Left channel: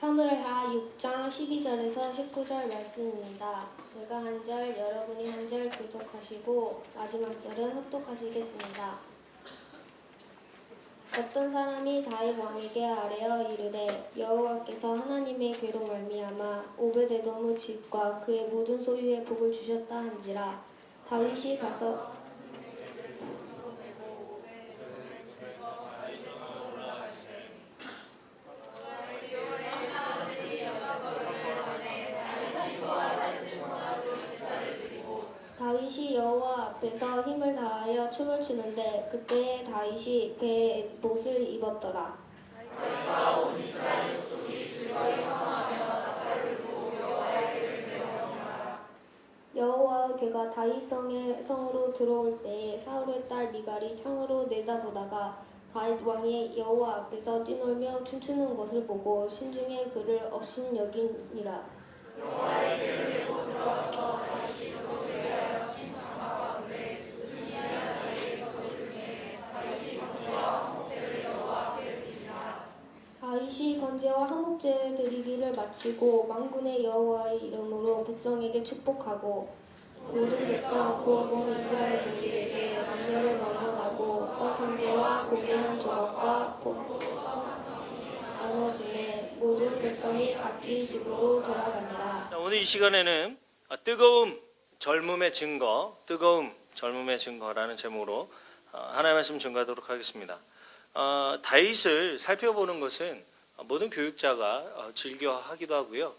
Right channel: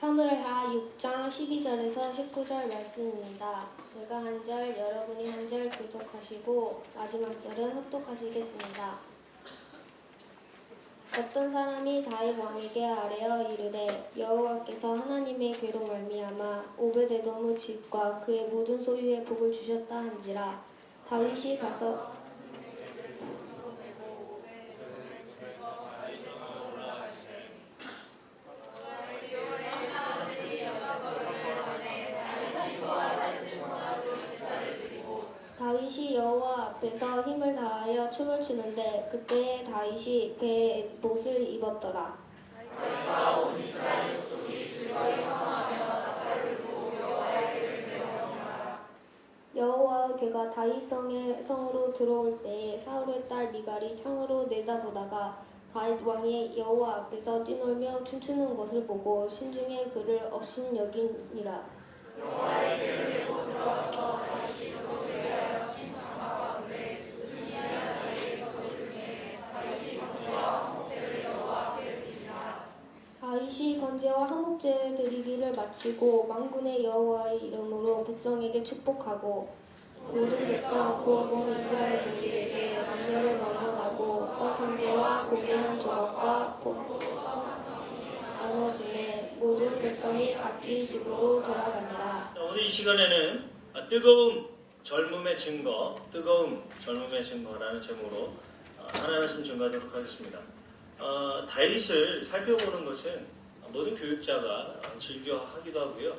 사무엘하 6장 12절에서 19절 말씀입니다. 제가 한 절, 여러분이 한 절 교독하시고 마지막 절은 합독하시겠습니다. 어떤 사람이 다윗 왕에게 아뢰어 이르되 여호와께서 하나님의 괴로 말미암아 오베데돔의 집과 그의 모든 소유에 복을 주셨다 한지라. 다윗이 가서 다윗이 여호와 앞에서 힘을 다하여 춤을 추는데 그때에 다윗이 배에 못을 입었더라. 여호와의 괴가 다윗 성으로 들어올 때에 사울의 딸 미갈이 창으로 내다보다가 다윗 왕이 여호와 앞에서 뛰놀며 춤추는 것을 보고 신중에 그를 업신여기니라. 다윗이 번제와 한목제 드리기를 마치고 만군의 여호와의 이름으로 백성에게 축복하고 모든 백성 곧 온 이스라엘 무리에게 만면을 막론하고 떡 한 개와 고기 한 조각과 나눠주매 모든 백성이 각기 집으로 돌아가니라. 오늘 이 시간에는 뜨거움 젊음의 증거라는 제목으로 하나님의 말씀 증거하도록 하겠습니다. 다윗을 살펴보는 것은 모든 교육자가 즐겨 하기도 하고요.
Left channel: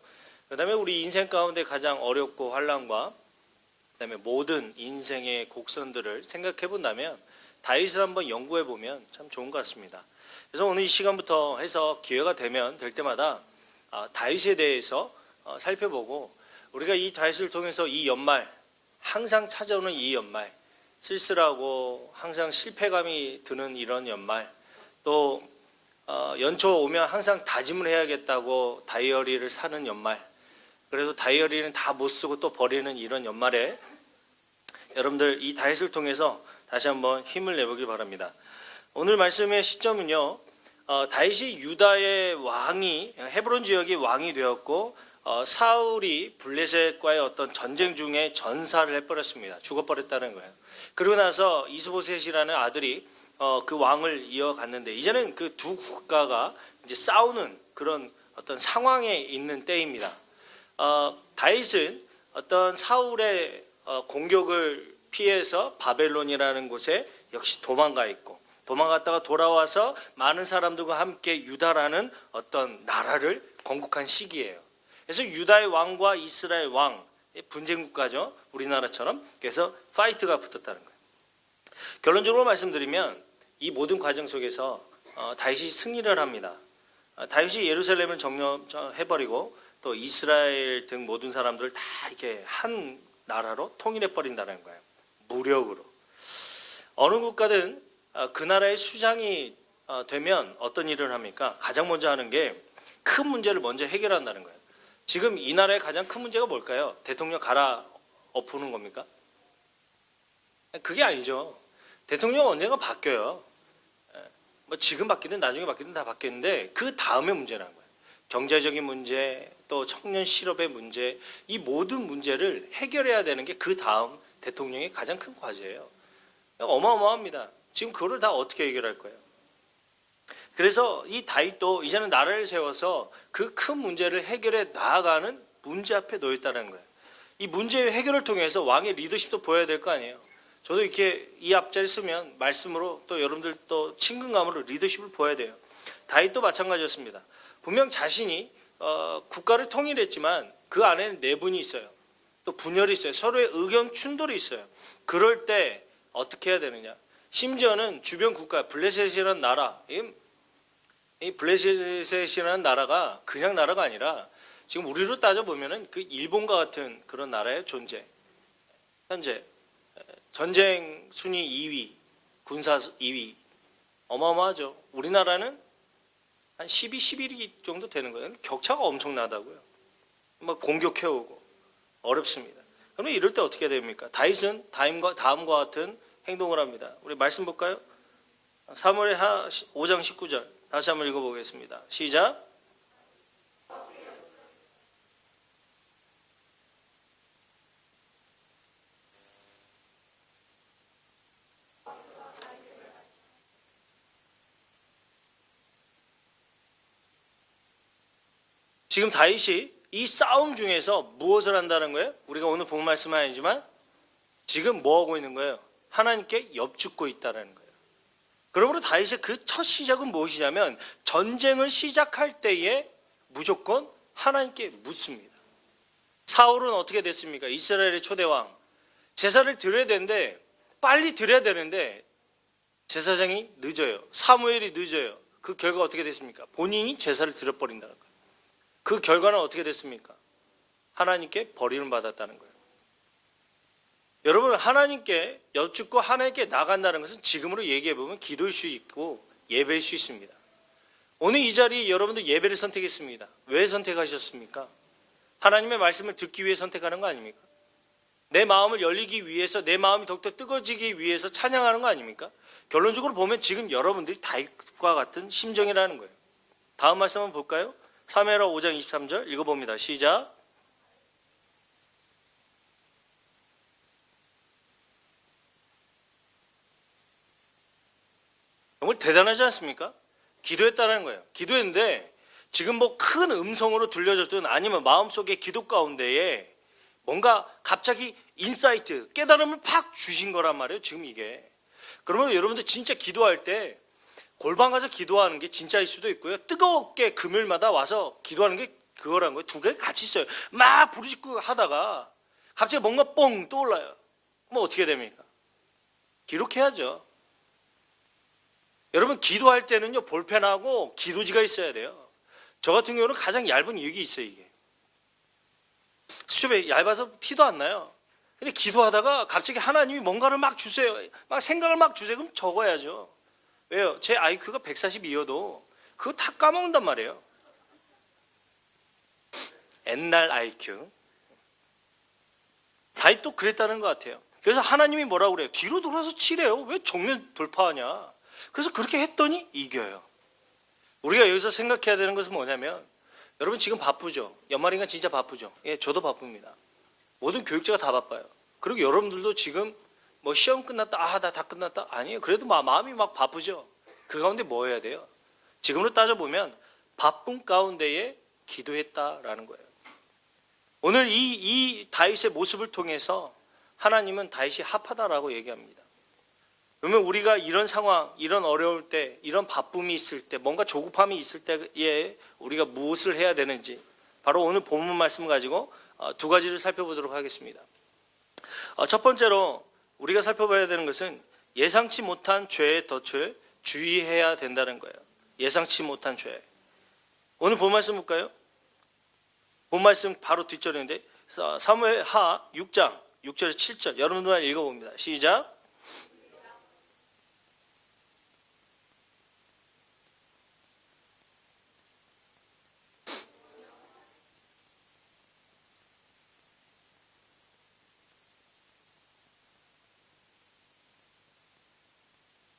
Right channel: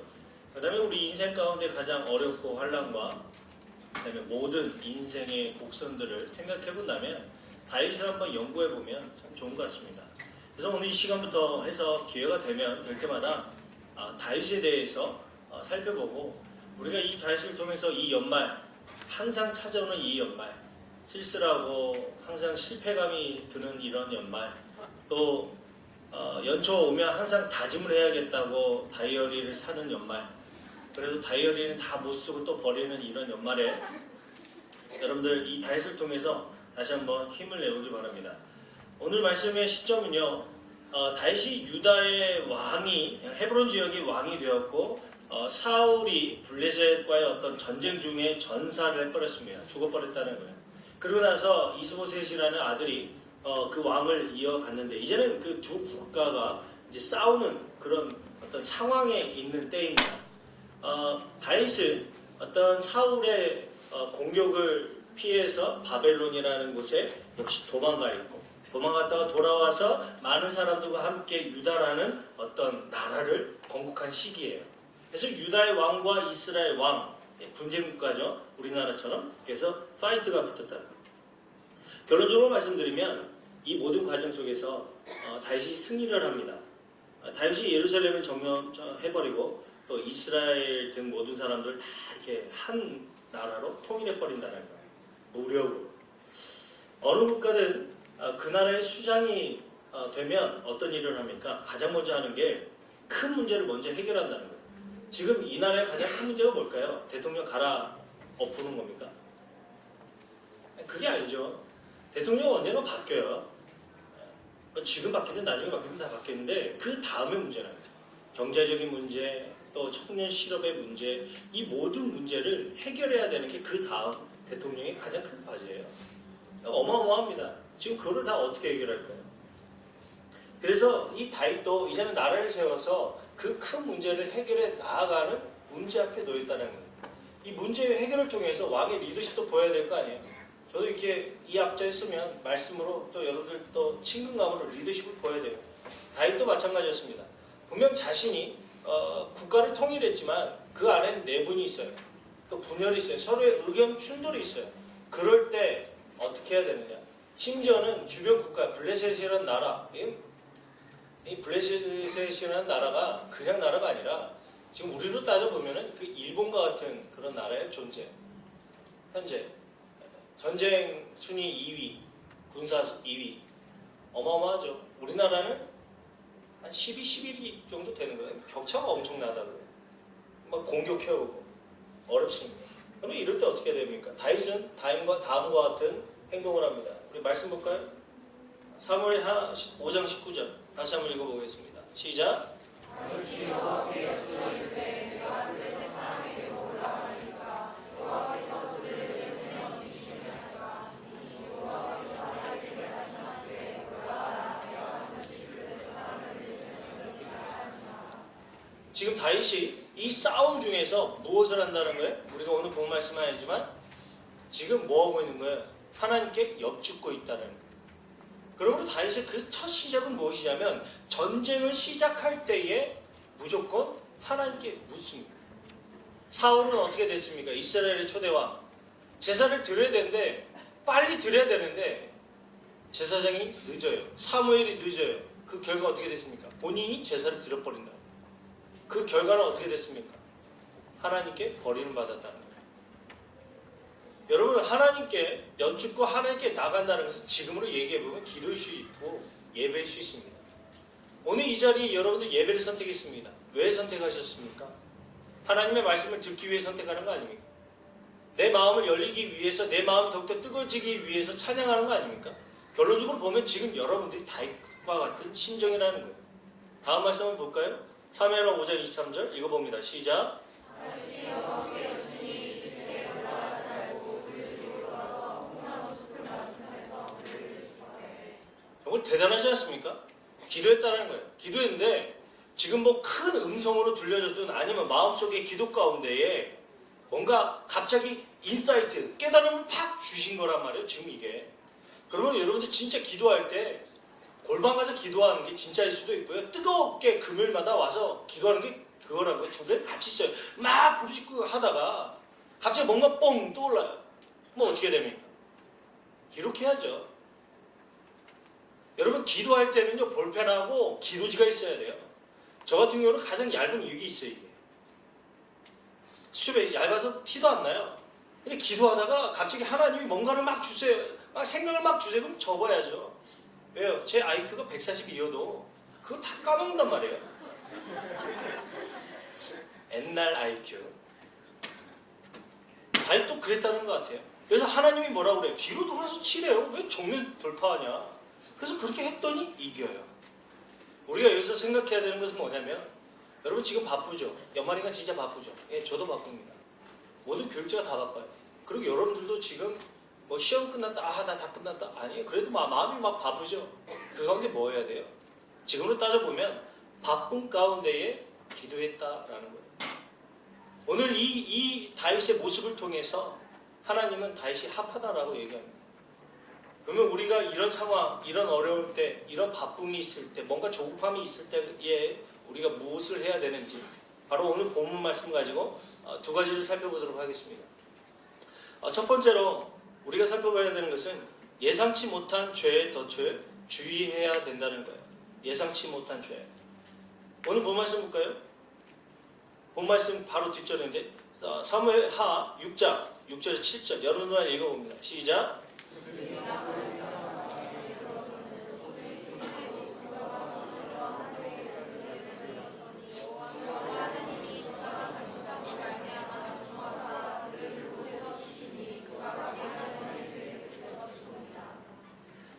그 다음에 우리 인생 가운데 가장 어렵고 환난과 그 다음에 모든 인생의 곡선들을 생각해 본다면 다윗을 한번 연구해 보면 참 좋은 것 같습니다. 그래서 오늘 이 시간부터 해서 기회가 되면 될 때마다 다윗에 대해서 살펴보고 우리가 이 다윗을 통해서 이 연말 항상 찾아오는 이 연말 쓸쓸하고 항상 실패감이 드는 이런 연말 또 연초 오면 항상 다짐을 해야겠다고 다이어리를 사는 연말 그래서 다이어리는 다 못 쓰고 또 버리는 이런 연말에 여러분들 이 다윗을 통해서 다시 한번 힘을 내보길 바랍니다. 오늘 말씀의 시점은요 다윗이 유다의 왕이 헤브론 지역의 왕이 되었고 사울이 블레셋과의 어떤 전쟁 중에 전사를 해버렸습니다. 죽어버렸다는 거예요. 그러고 나서 이스보셋이라는 아들이 그 왕을 이어갔는데 이제는 그 두 국가가 이제 싸우는 그런 어떤 상황에 있는 때입니다. 다윗은 어떤 사울의 공격을 피해서 바벨론이라는 곳에 역시 도망가 있고 도망갔다가 돌아와서 많은 사람들과 함께 유다라는 어떤 나라를 건국한 시기예요. 그래서 유다의 왕과 이스라엘 왕 분쟁 국가죠. 우리나라처럼. 그래서 파이트가 붙었다는 거예요. 결론적으로 말씀드리면 이 모든 과정 속에서 다윗이 승리를 합니다. 다윗이 예루살렘을 점령해버리고 또 이스라엘 등 모든 사람들을 다 이렇게 한 나라로 통일해버린다는 거예요. 무력으로. 어느 국가든 그 나라의 수장이 되면 어떤 일을 합니까? 가장 먼저 하는 게 큰 문제를 먼저 해결한다는 거예요. 지금 이 나라의 가장 큰 문제가 뭘까요? 대통령 갈아엎는 겁니까? 그게 아니죠. 대통령은 언젠가 바뀌어요. 뭐 지금 바뀌든 나중에 바뀌든 다 바뀌는데 그 다음의 문제라는 거죠. 경제적인 문제, 또 청년 실업의 문제, 이 모든 문제를 해결해야 되는 게 그 다음 대통령의 가장 큰 과제예요. 어마어마합니다. 지금 그거를 다 어떻게 해결할 거예요? 그래서 이 다윗도 이제는 나라를 세워서 그 큰 문제를 해결해 나아가는 문제 앞에 놓여 있다는 거예요. 이 문제 해결을 통해서 왕의 리더십도 보여야 될 거 아니에요. 저도 이렇게 이 앞자리 쓰면 말씀으로 또 여러분들 또 친근감으로 리더십을 보여야 돼요. 다윗도 마찬가지였습니다. 분명 자신이 국가를 통일했지만 그 안에 내분이 있어요. 또 분열이 있어요. 서로의 의견 충돌이 있어요. 그럴 때 어떻게 해야 되느냐. 심지어는 주변 국가 블레셋이라는 나라 이 블레셋이라는 나라가 그냥 나라가 아니라 지금 우리로 따져보면 그 일본과 같은 그런 나라의 존재. 현재 전쟁 순위 2위, 군사 2위 어마어마하죠. 우리나라는 한 12, 11위 정도 되는 거예요. 격차가 엄청나다고요. 막 공격해오고 어렵습니다. 그러면 이럴 때 어떻게 됩니까? 다윗은 다음과 같은 행동을 합니다. 우리 말씀 볼까요? 사무엘하 5장 19절 다시 한번 읽어보겠습니다. 시작. 지금 다윗이 이 싸움 중에서 무엇을 한다는 거예요? 우리가 오늘 본 말씀은 아니지만 지금 뭐 하고 있는 거예요? 하나님께 엽죽고 있다는 거예요. 그러므로 다윗의 그 첫 시작은 무엇이냐면 전쟁을 시작할 때에 무조건 하나님께 묻습니다. 사울은 어떻게 됐습니까? 이스라엘의 초대왕. 제사를 드려야 되는데 빨리 드려야 되는데 제사장이 늦어요. 사무엘이 늦어요. 그 결과 어떻게 됐습니까? 본인이 제사를 드려버린다. 그 결과는 어떻게 됐습니까? 하나님께 버림을 받았다는 거예요. 여러분, 하나님께 여쭙고 하나님께 나간다는 것은 지금으로 얘기해보면 기도일 수 있고 예배일 수 있습니다. 오늘 이 자리 여러분들 예배를 선택했습니다. 왜 선택하셨습니까? 하나님의 말씀을 듣기 위해 선택하는 거 아닙니까? 내 마음을 열리기 위해서, 내 마음이 더욱더 뜨거워지기 위해서 찬양하는 거 아닙니까? 결론적으로 보면 지금 여러분들이 다윗과 같은 심정이라는 거예요. 다음 말씀 한번 볼까요? 사무엘하 5장 23절 읽어봅니다. 시작. 정말 대단하지 않습니까? 기도했다는 거예요. 기도했는데 지금 뭐 큰 음성으로 들려졌든 아니면 마음속의 기도 가운데에 뭔가 갑자기 인사이트, 깨달음을 팍 주신 거란 말이에요. 지금 이게. 그러면 여러분들 진짜 기도할 때 골방 가서 기도하는 게 진짜일 수도 있고요. 뜨겁게 금요일마다 와서 기도하는 게 그거라는 거예요. 두 개 같이 있어요. 막 부르짖고 하다가 갑자기 뭔가 뻥 떠올라요. 뭐 어떻게 됩니까? 기록해야죠. 여러분 기도할 때는요 볼펜하고 기도지가 있어야 돼요. 저 같은 경우는 가장 얇은 이게 있어요. 이게. 수첩에 얇아서 티도 안 나요. 근데 기도하다가 갑자기 하나님이 뭔가를 막 주세요. 막 생각을 막 주세요. 그럼 적어야죠. 왜요? 제 IQ가 142여도 그거 다 까먹는단 말이에요. 옛날 IQ. 다윗도 그랬다는 것 같아요. 그래서 하나님이 뭐라고 그래요? 뒤로 돌아서 치래요. 왜 정면 돌파하냐? 그래서 그렇게 했더니 이겨요. 우리가 여기서 생각해야 되는 것은 뭐냐면 여러분 지금 바쁘죠? 연말인가 진짜 바쁘죠? 예, 저도 바쁩니다. 모든 교육자가 다 바빠요. 그리고 여러분들도 지금 뭐 시험 끝났다, 나 다 끝났다? 아니에요. 그래도 마음이 막 바쁘죠? 그 가운데 뭐 해야 돼요? 지금으로 따져보면 바쁜 가운데에 기도했다라는 거예요. 오늘 이 다윗의 모습을 통해서 하나님은 다윗이 합하다라고 얘기합니다. 그러면 우리가 이런 상황, 이런 어려울 때, 이런 바쁨이 있을 때, 뭔가 조급함이 있을 때에 우리가 무엇을 해야 되는지 바로 오늘 본문 말씀 가지고 두 가지를 살펴보도록 하겠습니다. 첫 번째로 우리가 살펴봐야 되는 것은 예상치 못한 죄의 덫을 주의해야 된다는 거예요. 예상치 못한 죄. 오늘 본 말씀 볼까요? 본 말씀 바로 뒷절인데 사무엘하 6장 6절에서 7절 여러분들 읽어봅니다. 시작.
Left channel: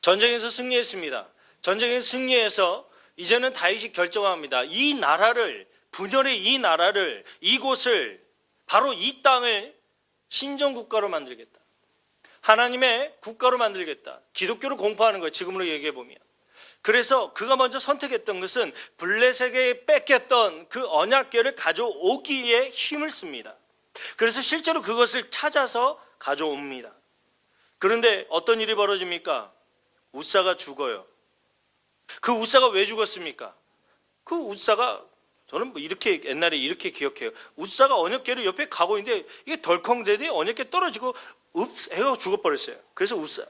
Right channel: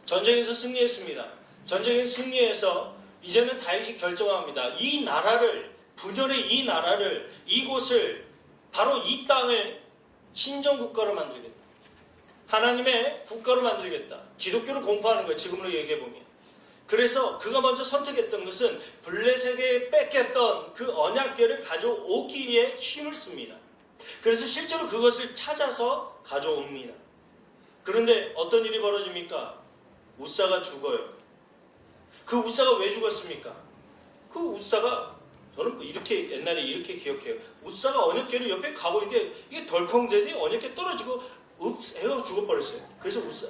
전쟁에서 승리했습니다. 전쟁에서 승리해서 이제는 다윗이 결정합니다. 이 나라를 분열의 이 나라를 이곳을 바로 이 땅을 신정국가로 만들겠다. 하나님의 국가로 만들겠다. 기독교를 공포하는 거예요. 지금으로 얘기해 보면. 그래서 그가 먼저 선택했던 것은 블레셋에게 뺏겼던 그 언약궤를 가져오기에 힘을 씁니다. 그래서 실제로 그것을 찾아서 가져옵니다. 그런데 어떤 일이 벌어집니까? 우사가 죽어요. 그 우사가 왜 죽었습니까? 그 우사가 저는 뭐 이렇게 옛날에 이렇게 기억해요. 우사가 언약궤를 옆에 가고 있는데 이게 덜컹대더니 언약궤 떨어지고 읍 해가 죽어버렸어요. 그래서 우사.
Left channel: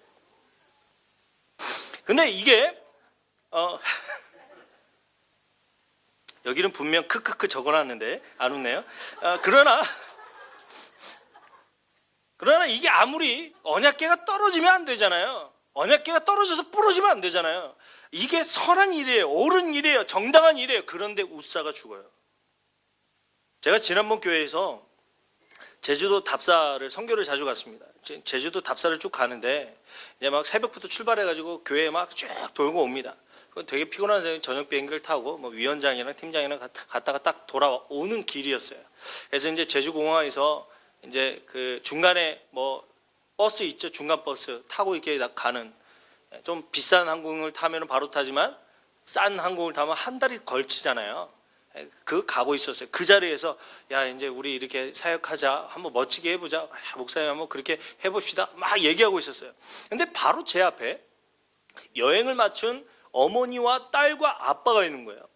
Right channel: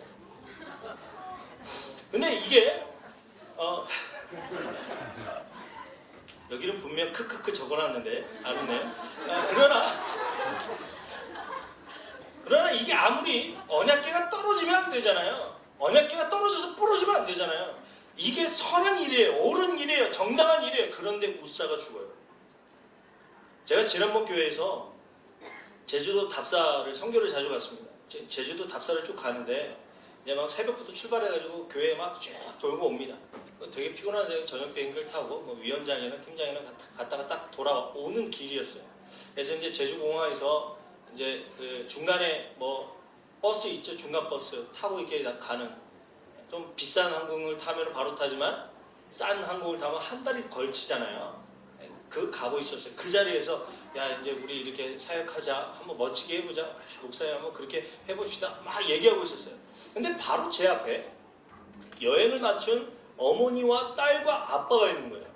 근데 이게 여기는 분명 크크크 적어놨는데 안 웃네요. 그러나 이게 아무리 언약궤가 떨어지면 안 되잖아요. 언약궤가 떨어져서 부러지면 안 되잖아요. 이게 선한 일이에요. 옳은 일이에요. 정당한 일이에요. 그런데 우사가 죽어요. 제가 지난번 교회에서 제주도 답사를 선교를 자주 갔습니다. 제주도 답사를 쭉 가는데 이제 막 새벽부터 출발해가지고 교회에 막 쭉 돌고 옵니다. 되게 피곤한 저녁 비행기를 타고 뭐 위원장이랑 팀장이랑 갔다가 딱 돌아오는 길이었어요. 그래서 이제 제주공항에서 이제 그 중간에 뭐 버스 있죠, 중간 버스 타고 이렇게 가는 좀 비싼 항공을 타면 바로 타지만 싼 항공을 타면 한 달이 걸치잖아요. 그 가고 있었어요. 그 자리에서 야 이제 우리 이렇게 사역하자, 한번 멋지게 해보자, 야, 목사님 한번 그렇게 해봅시다 막 얘기하고 있었어요. 근데 바로 제 앞에 여행을 맞춘 어머니와 딸과 아빠가 있는 거예요.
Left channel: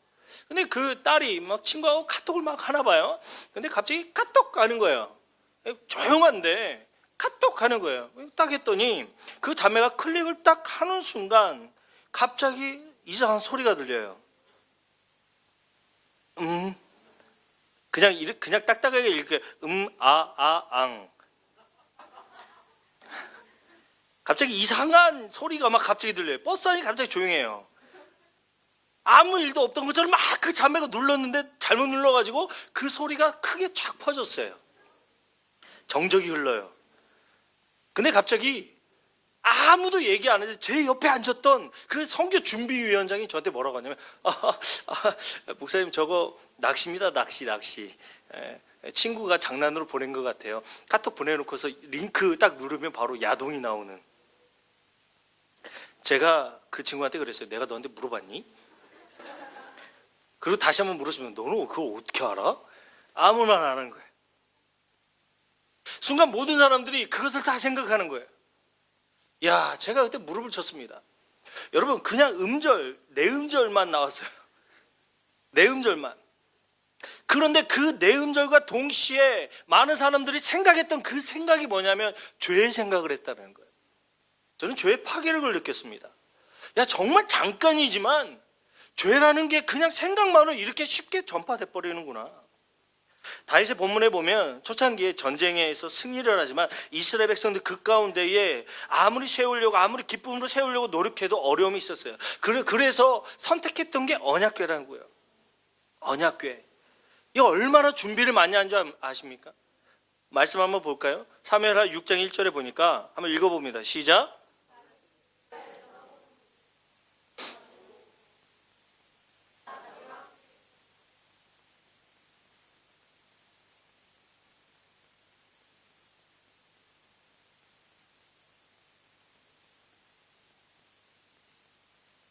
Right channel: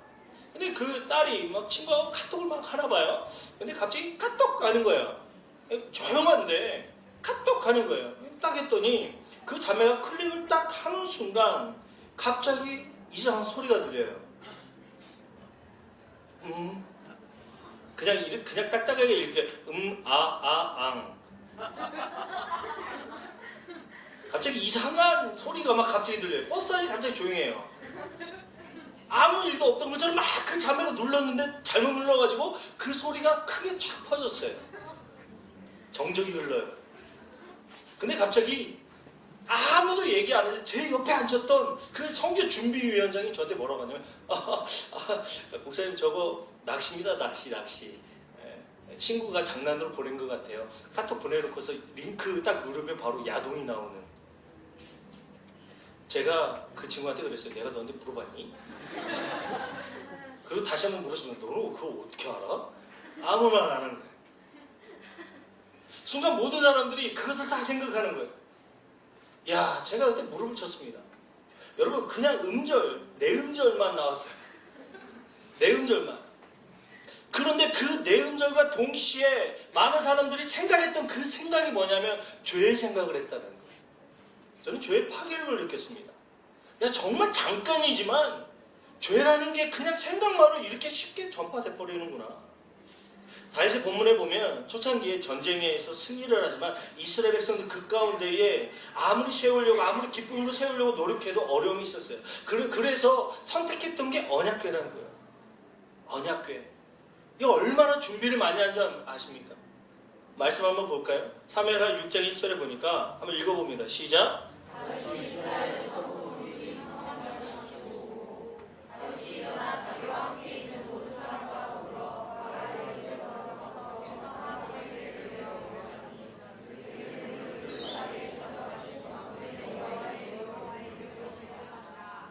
근데 그 딸이 막 친구하고 카톡을 막 하나 봐요. 근데 갑자기 카톡 하는 거예요. 조용한데 카톡 하는 거예요. 딱 했더니 그 자매가 클릭을 딱 하는 순간 갑자기 이상한 소리가 들려요. 그냥 딱딱하게 이렇게 앙. 갑자기 이상한 소리가 막 갑자기 들려요. 버스 안이 갑자기 조용해요. 아무 일도 없던 것처럼 막 그 자매가 눌렀는데 잘못 눌러가지고 그 소리가 크게 쫙 퍼졌어요. 정적이 흘러요. 근데 갑자기 아무도 얘기 안 해서 제 옆에 앉았던 그 선교 준비위원장이 저한테 뭐라고 하냐면 목사님 저거 낚시입니다. 낚시. 친구가 장난으로 보낸 것 같아요. 카톡 보내놓고서 링크 딱 누르면 바로 야동이 나오는. 제가 그 친구한테 그랬어요. 내가 너한테 물어봤니? 그리고 다시 한번 물었으면 너는 그걸 어떻게 알아? 아무 말 안 하는 거예요. 순간 모든 사람들이 그것을 다 생각하는 거예요. 야, 제가 그때 무릎을 쳤습니다. 여러분 그냥 네 음절만 나왔어요. 네 음절만. 그런데 그 네 음절과 동시에 많은 사람들이 생각했던 그 생각이 뭐냐면 죄의 생각을 했다는 거예요. 저는 죄의 파괴력을 느꼈습니다. 야, 정말 잠깐이지만 죄라는 게 그냥 생각만으로 이렇게 쉽게 전파돼 버리는구나. 다윗의 본문에 보면 초창기에 전쟁에서 승리를 하지만 이스라엘 백성들 그 가운데에 아무리 세우려고 아무리 기쁨으로 세우려고 노력해도 어려움이 있었어요. 그래서 선택했던 게 언약궤라는 거예요. 언약궤. 이 얼마나 준비를 많이 한 줄 아십니까? 말씀 한번 볼까요? 사무엘하 6장 1절에 보니까 한번 읽어봅니다. 시작.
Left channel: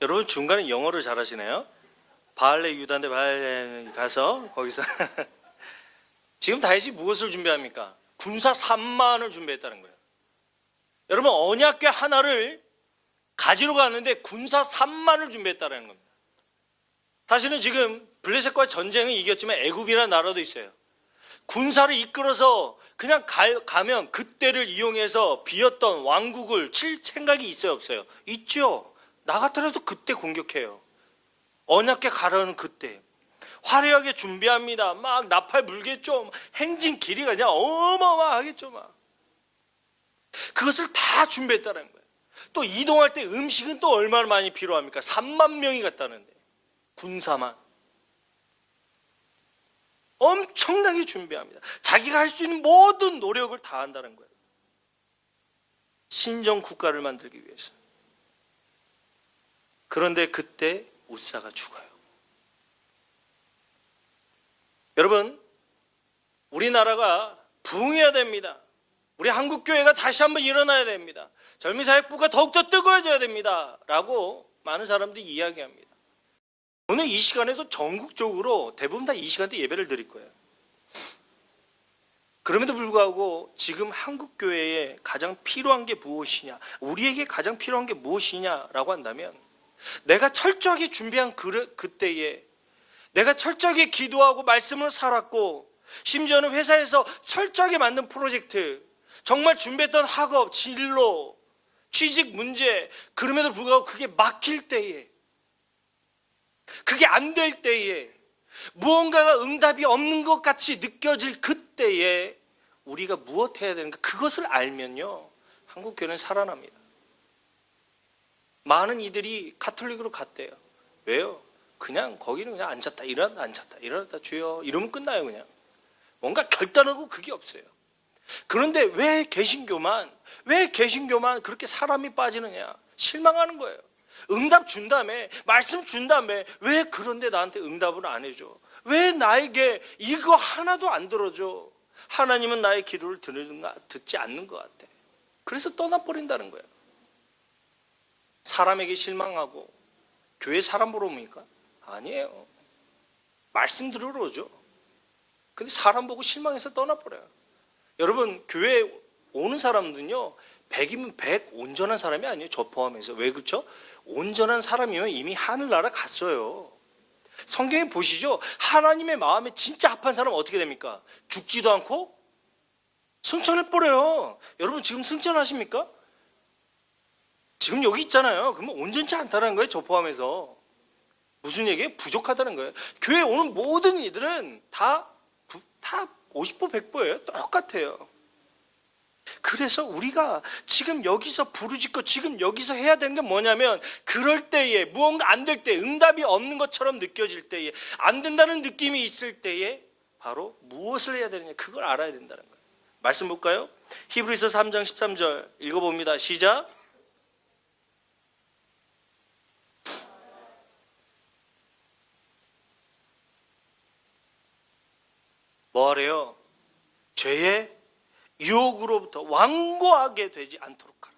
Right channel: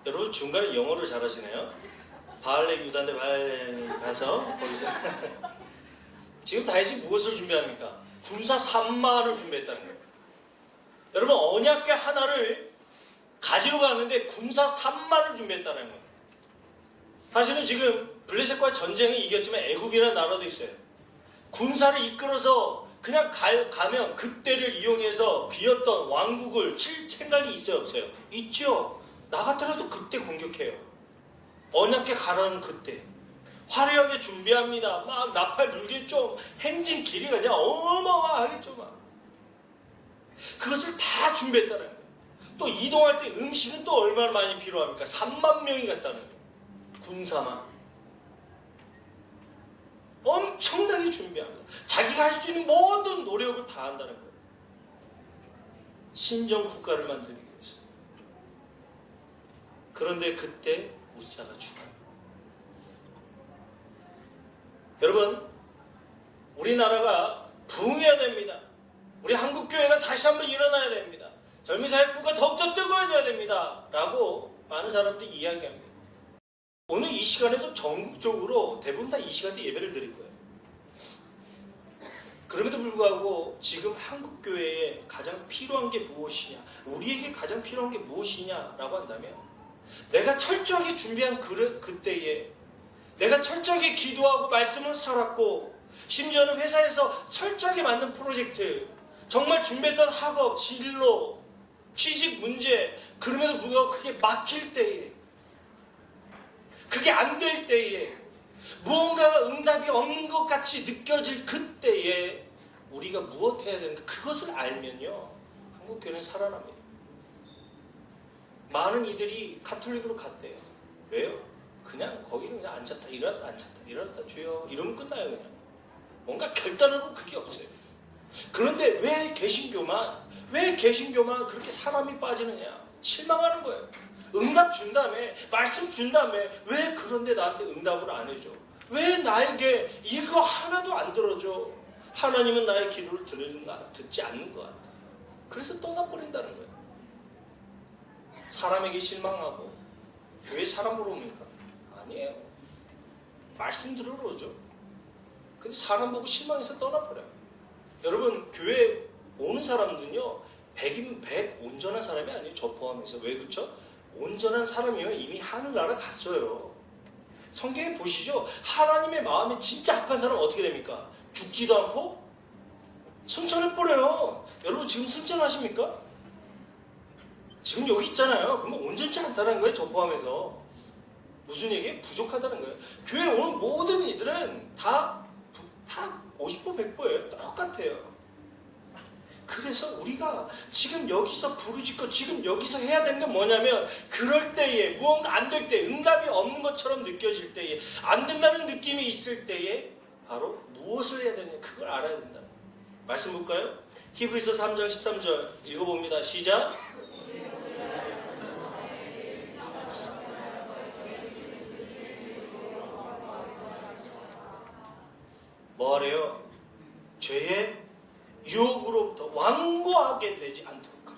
여러분 중간에 영어를 잘하시네요. 바알의 유다대 바알에 가서 거기서 지금 다윗이 무엇을 준비합니까? 군사 3만을 준비했다는 거예요. 여러분 언약궤 하나를 가지러 갔는데 군사 3만을 준비했다는 거예요. 사실은 지금 블레셋과의 전쟁에 이겼지만 애국이라는 나라도 있어요. 군사를 이끌어서 그냥 가면 그때를 이용해서 비었던 왕국을 칠 생각이 있어요, 없어요? 있죠. 나 같더라도 그때 공격해요. 언약궤 가려는 그때 화려하게 준비합니다. 막 나팔 불겠죠. 행진 길이가 그냥 어마어마하겠죠. 막. 그것을 다 준비했다는 거예요. 또 이동할 때 음식은 또 얼마나 많이 필요합니까? 3만 명이 갔다는 거예요. 군사만 엄청나게 준비합니다. 자기가 할 수 있는 모든 노력을 다 한다는 거예요. 신정 국가를 만들기 위해서. 그런데 그때 우사가 죽어요. 여러분 우리나라가 부흥해야 됩니다. 우리 한국교회가 다시 한번 일어나야 됩니다. 젊은 사역부가 더욱더 뜨거워져야 됩니다. 라고 많은 사람들이 이야기합니다. 오늘 이 시간에도 전국적으로 대부분 다 이 시간대 예배를 드릴 거예요. 그럼에도 불구하고 지금 한국교회에 가장 필요한 게 무엇이냐, 우리에게 가장 필요한 게 무엇이냐라고 한다면 내가 철저하게 준비한 그때에 내가 철저하게 기도하고 말씀을 살았고 심지어는 회사에서 철저하게 만든 프로젝트, 정말 준비했던 학업, 진로, 취직 문제, 그럼에도 불구하고 그게 막힐 때에, 그게 안 될 때에, 무언가가 응답이 없는 것 같이 느껴질 그때에 우리가 무엇 해야 되는가, 그것을 알면요 한국교회는 살아납니다. 많은 이들이 가톨릭으로 갔대요. 왜요? 그냥 거기는 그냥 앉았다 일어났다 앉았다 일어났다 주여 이러면 끝나요. 그냥 뭔가 결단으로 그게 없어요. 그런데 왜 개신교만 그렇게 사람이 빠지느냐, 실망하는 거예요. 응답 준다며, 말씀 준다며, 왜 그런데 나한테 응답을 안 해줘? 왜 나에게 이거 하나도 안 들어줘? 하나님은 나의 기도를 듣지 않는 것 같아. 그래서 떠나버린다는 거예요. 사람에게 실망하고 교회 사람 보러 옵니까? 아니에요. 말씀 들으러 오죠. 근데 사람 보고 실망해서 떠나버려요. 여러분, 교회 오는 사람들은요, 100이면 100 온전한 사람이 아니에요. 저 포함해서. 왜 그렇죠? 온전한 사람이면 이미 하늘나라 갔어요. 성경에 보시죠. 하나님의 마음이 진짜 합한 사람은 어떻게 됩니까? 죽지도 않고 승천을 뿌려요. 여러분, 지금 승천하십니까? 지금 여기 있잖아요. 그럼 온전치 않다는 거예요. 저 포함해서. 무슨 얘기예요? 부족하다는 거예요. 교회 오는 모든 이들은 다 50% 100%예요. 똑같아요. 그래서 우리가 지금 여기서 부르짖고 지금 여기서 해야 되는 게 뭐냐면, 그럴 때에 무언가 안 될 때, 응답이 없는 것처럼 느껴질 때에, 안 된다는 느낌이 있을 때에 바로 무엇을 해야 되느냐, 그걸 알아야 된다는 거예요. 말씀 볼까요? 히브리서 3장 13절 읽어봅니다. 시작. 뭐래요? 죄의 유혹으로부터 완고하게 되지 않도록 하라.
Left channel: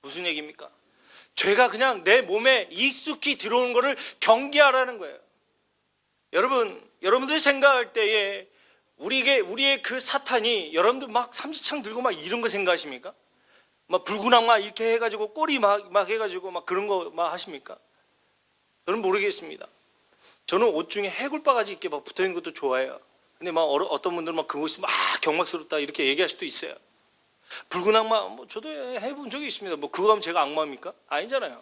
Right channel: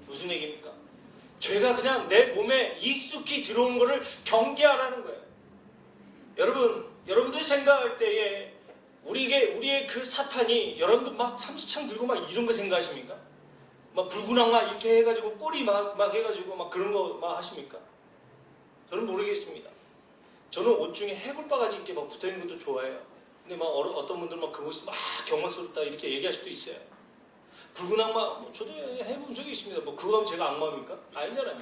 무슨 얘기입니까? 죄가 그냥 내 몸에 익숙히 들어온 것을 경계하라는 거예요. 여러분들이 생각할 때에 우리의 그 사탄이, 여러분들 막 삼시창 들고 막 이런 거 생각하십니까? 막 불구랑 막 이렇게 해가지고 꼬리 막 해가지고 막 그런 거 막 하십니까? 저는 모르겠습니다. 저는 옷 중에 해골바가지 이렇게 막 붙어있는 것도 좋아해요. 근데 막 어떤 분들은 막 그것이 막 경막스럽다 이렇게 얘기할 수도 있어요. 붉은 악마, 저도 해본 적이 있습니다. 뭐 그거 하면 제가 악마입니까? 아니잖아요.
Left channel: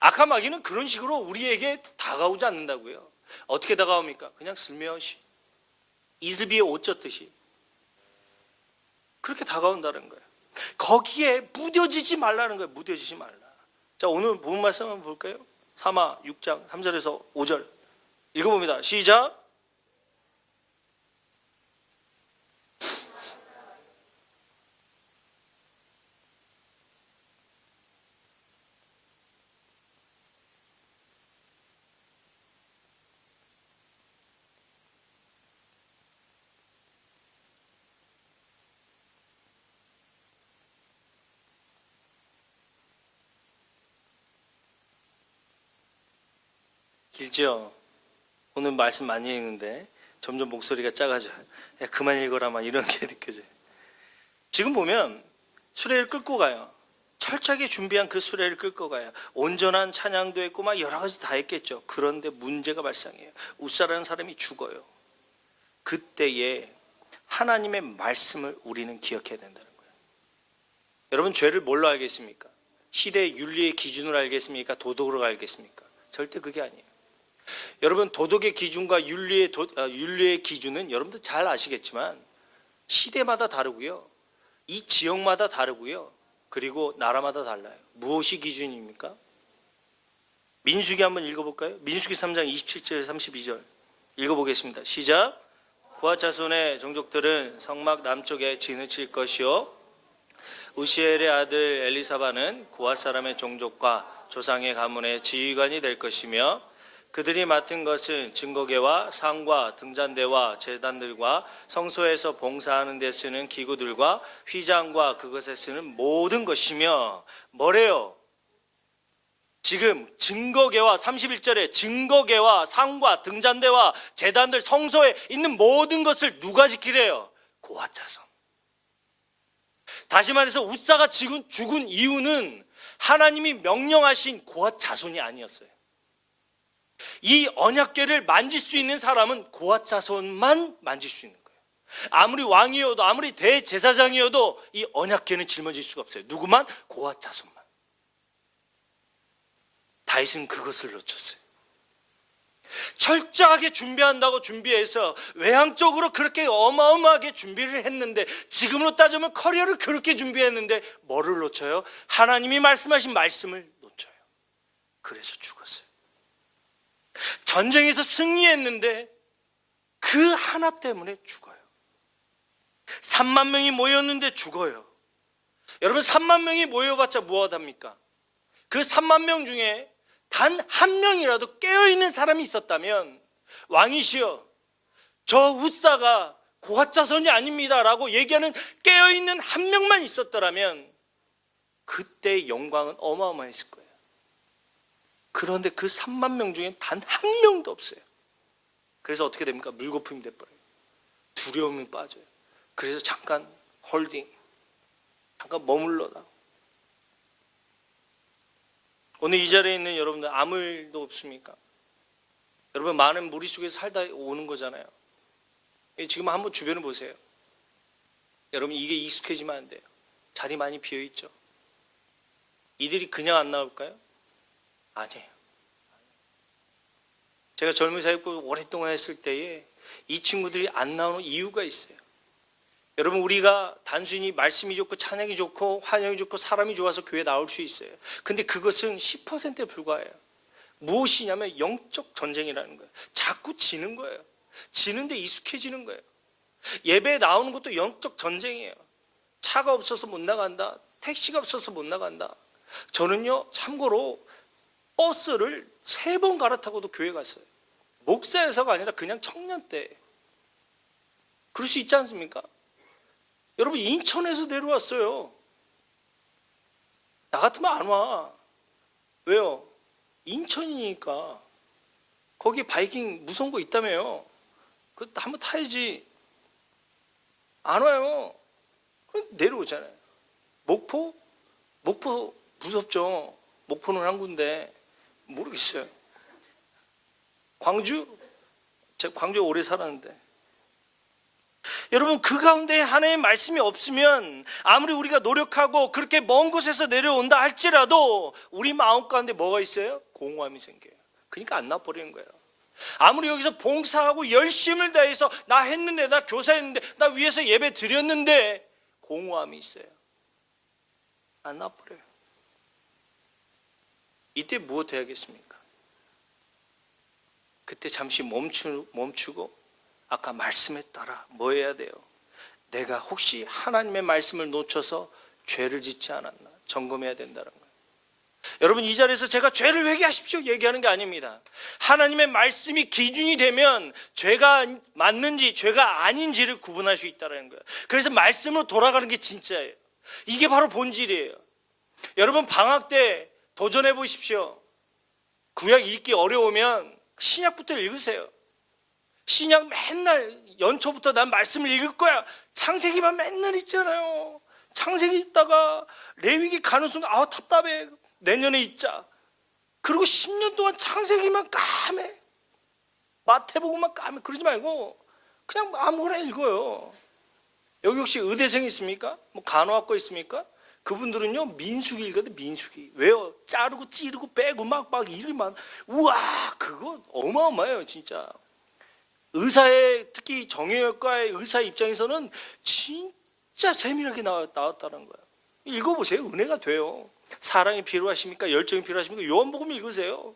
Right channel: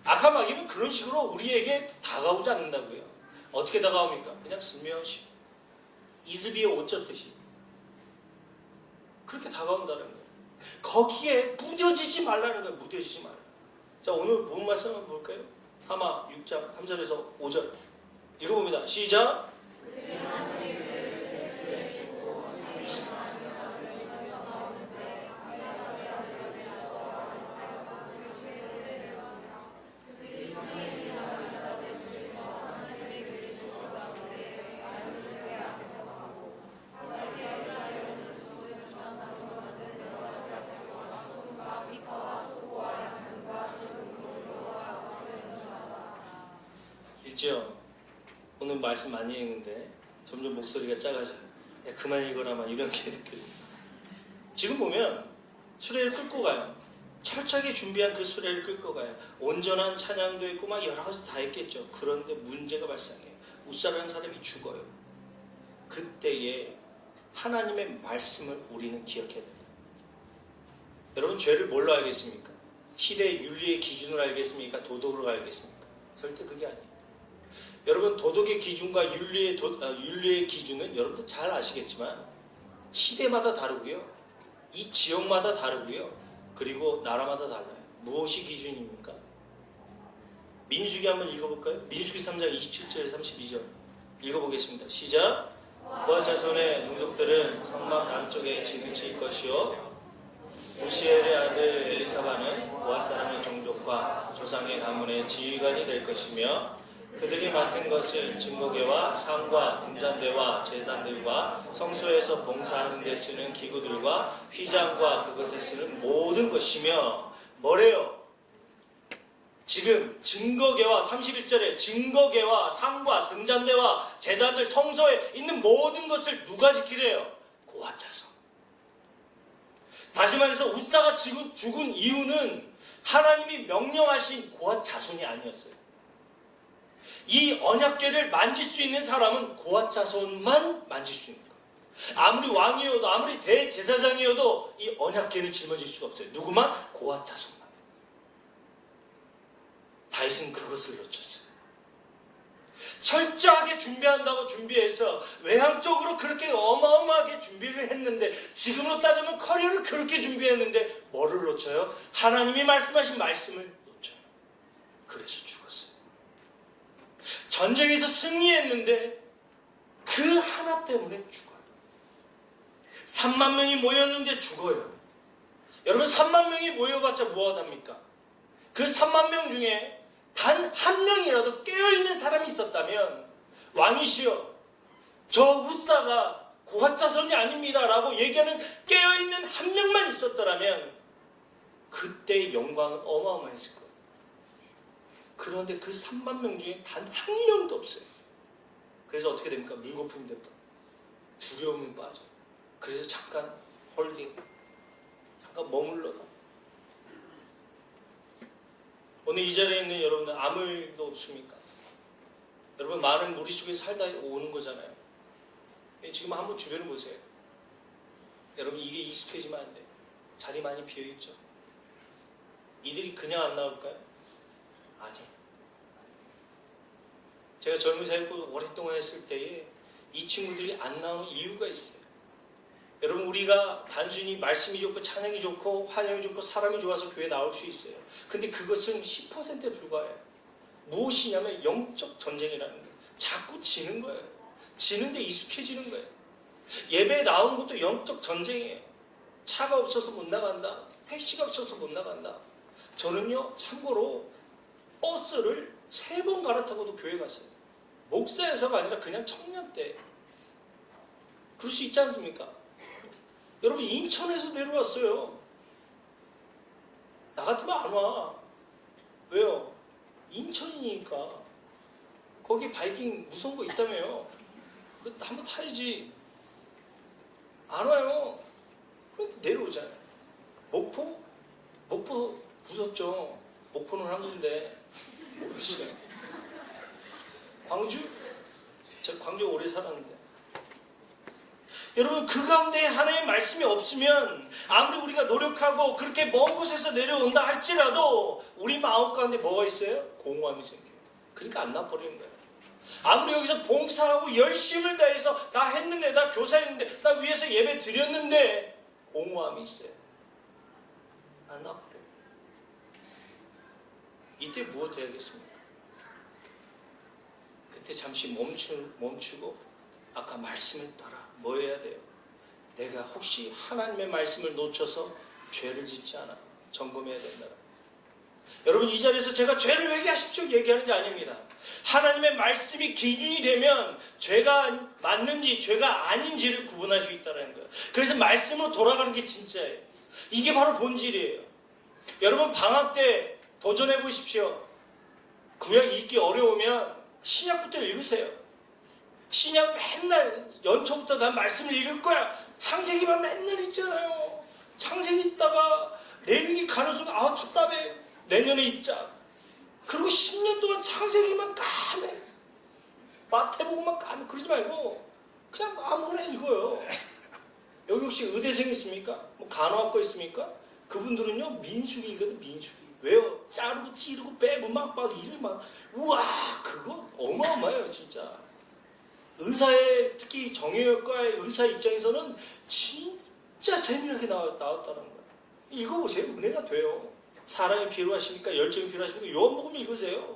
악한 마귀는 그런 식으로 우리에게 다가오지 않는다고요. 어떻게 다가옵니까? 그냥 슬며시 이슬비에 옷 젖듯이 그렇게 다가온다는 거예요. 거기에 무뎌지지 말라는 거예요. 무뎌지지 말라. 자, 오늘 본 말씀 한번 볼까요? 3하 6장 3절에서 5절 읽어봅니다. 시작. 길죠? 오늘 말씀 많이 읽는데 점점 목소리가 작아져요. 야, 그만 읽어라 막 이런 게 느껴져요. 지금 보면 수레를 끌고 가요. 철저하게 준비한 그 수레를 끌고 가요. 온전한 찬양도 했고 막 여러 가지 다 했겠죠. 그런데 문제가 발생해요. 웃사라는 사람이 죽어요. 그때에 하나님의 말씀을 우리는 기억해야 된다는 거예요. 여러분, 죄를 뭘로 알겠습니까? 시대의 윤리의 기준으로 알겠습니까? 도덕으로 알겠습니까? 절대 그게 아니에요. 여러분, 도덕의 기준과 윤리의 기준은 여러분들 잘 아시겠지만 시대마다 다르고요, 이 지역마다 다르고요, 그리고 나라마다 달라요. 무엇이 기준입니까? 민수기 한번 읽어볼까요? 민수기 3장 27절 32절 읽어보겠습니다. 시작. 고앗 자손의 종족들은 성막 남쪽에 진을 칠 것이요, 우시엘의 아들 엘리사바는 고앗 사람의 종족과 조상의 가문의 지휘관이 될 것이며, 그들이 맡은 것은 증거계와 상과 등잔대와 제단들과 성소에서 봉사하는 데 쓰는 기구들과 휘장과 그것에 쓰는 모든 것이며, 뭐래요? 지금 증거계와 31절에 증거계와 상과 등잔대와 제단들, 성소에 있는 모든 것을 누가 지키래요? 고앗 자손. 다시 말해서 웃사가 죽은 이유는 하나님이 명령하신 고앗 자손이 아니었어요. 이 언약궤를 만질 수 있는 사람은 고앗 자손만 만질 수 있는 거예요. 아무리 왕이어도 아무리 대제사장이어도 이 언약궤는 짊어질 수가 없어요. 누구만? 고앗 자손만. 다윗은 그것을 놓쳤어요. 철저하게 준비한다고 준비해서 외향적으로 그렇게 어마어마하게 준비를 했는데, 지금으로 따지면 커리어를 그렇게 준비했는데 뭐를 놓쳐요? 하나님이 말씀하신 말씀을 놓쳐요. 그래서 죽었어요. 전쟁에서 승리했는데 그 하나 때문에 죽어요. 3만 명이 모였는데 죽어요. 여러분, 3만 명이 모여봤자 무엇합니까? 그 3만 명 중에 단 한 명이라도 깨어있는 사람이 있었다면 왕이시여 저 우사가 고핫 자손이 아닙니다 라고 얘기하는 깨어있는 한 명만 있었더라면 그때 영광은 어마어마했을 거예요. 그런데 그 3만 명 중에 단 한 명도 없어요. 그래서 어떻게 됩니까? 물거품이 돼버려요. 두려움이 빠져요. 그래서 잠깐 홀딩, 잠깐 머물러다. 오늘 이 자리에 있는 여러분들 아무 일도 없습니까? 여러분 많은 무리 속에 살다 오는 거잖아요. 지금 한번 주변을 보세요. 여러분 이게 익숙해지면 안 돼요. 자리 많이 비어있죠. 이들이 그냥 안 나올까요? 아니에요. 제가 젊은 사역을 오랫동안 했을 때에 이 친구들이 안 나오는 이유가 있어요. 여러분 우리가 단순히 말씀이 좋고 찬양이 좋고 환영이 좋고 사람이 좋아서 교회 나올 수 있어요. 근데 그것은 10%에 불과해요. 무엇이냐면 영적 전쟁이라는 거예요. 자꾸 지는 거예요. 지는데 익숙해지는 거예요. 예배에 나오는 것도 영적 전쟁이에요. 차가 없어서 못 나간다. 택시가 없어서 못 나간다. 저는요 참고로 버스를 3번 갈아타고도 교회 갔어요. 목사에서가 아니라 그냥 청년 때. 그럴 수 있지 않습니까? 여러분 인천에서 내려왔어요. 나 같으면 안 와. 왜요? 인천이니까. 거기 바이킹 무서운 거 있다며요. 그거 한번 타야지. 안 와요. 내려오잖아요. 목포? 목포 무섭죠. 목포는 한 군데 모르겠어요. 광주? 제가 광주에 오래 살았는데. 여러분 그 가운데 하나님의 말씀이 없으면 아무리 우리가 노력하고 그렇게 먼 곳에서 내려온다 할지라도 우리 마음 가운데 뭐가 있어요? 공허함이 생겨요. 그러니까 안 나버리는 거예요. 아무리 여기서 봉사하고 열심을 다해서 나 했는데 나 교사했는데 나 위에서 예배 드렸는데 공허함이 있어요. 안 나버려요. 이때 무엇 해야겠습니까? 그때 잠시 멈추고 아까 말씀에 따라 뭐 해야 돼요? 내가 혹시 하나님의 말씀을 놓쳐서 죄를 짓지 않았나 점검해야 된다는 거예요. 여러분 이 자리에서 제가 죄를 회개하십시오 얘기하는 게 아닙니다. 하나님의 말씀이 기준이 되면 죄가 맞는지 죄가 아닌지를 구분할 수 있다는 거예요. 그래서 말씀으로 돌아가는 게 진짜예요. 이게 바로 본질이에요. 여러분 방학 때 도전해 보십시오. 구약 읽기 어려우면 신약부터 읽으세요. 신약 맨날 연초부터 난 말씀을 읽을 거야. 창세기만 맨날 읽잖아요. 창세기 읽다가 레위기 가는 순간 아우 답답해. 내년에 읽자. 그리고 10년 동안 창세기만 까매. 마태복음만 까매. 그러지 말고 그냥 아무거나 읽어요. 여기 혹시 의대생 있습니까? 뭐 간호학과 있습니까? 그분들은요 민수기 읽거든. 민수기. 왜요? 자르고 찌르고 빼고 막 일을 막 우와 그거 어마어마해요 진짜. 의사의 특히 정형외과의 의사 입장에서는 진짜 세밀하게 나왔다는 거예요. 읽어보세요. 은혜가 돼요. 사랑이 필요하십니까? 열정이 필요하십니까? 요한복음 읽으세요.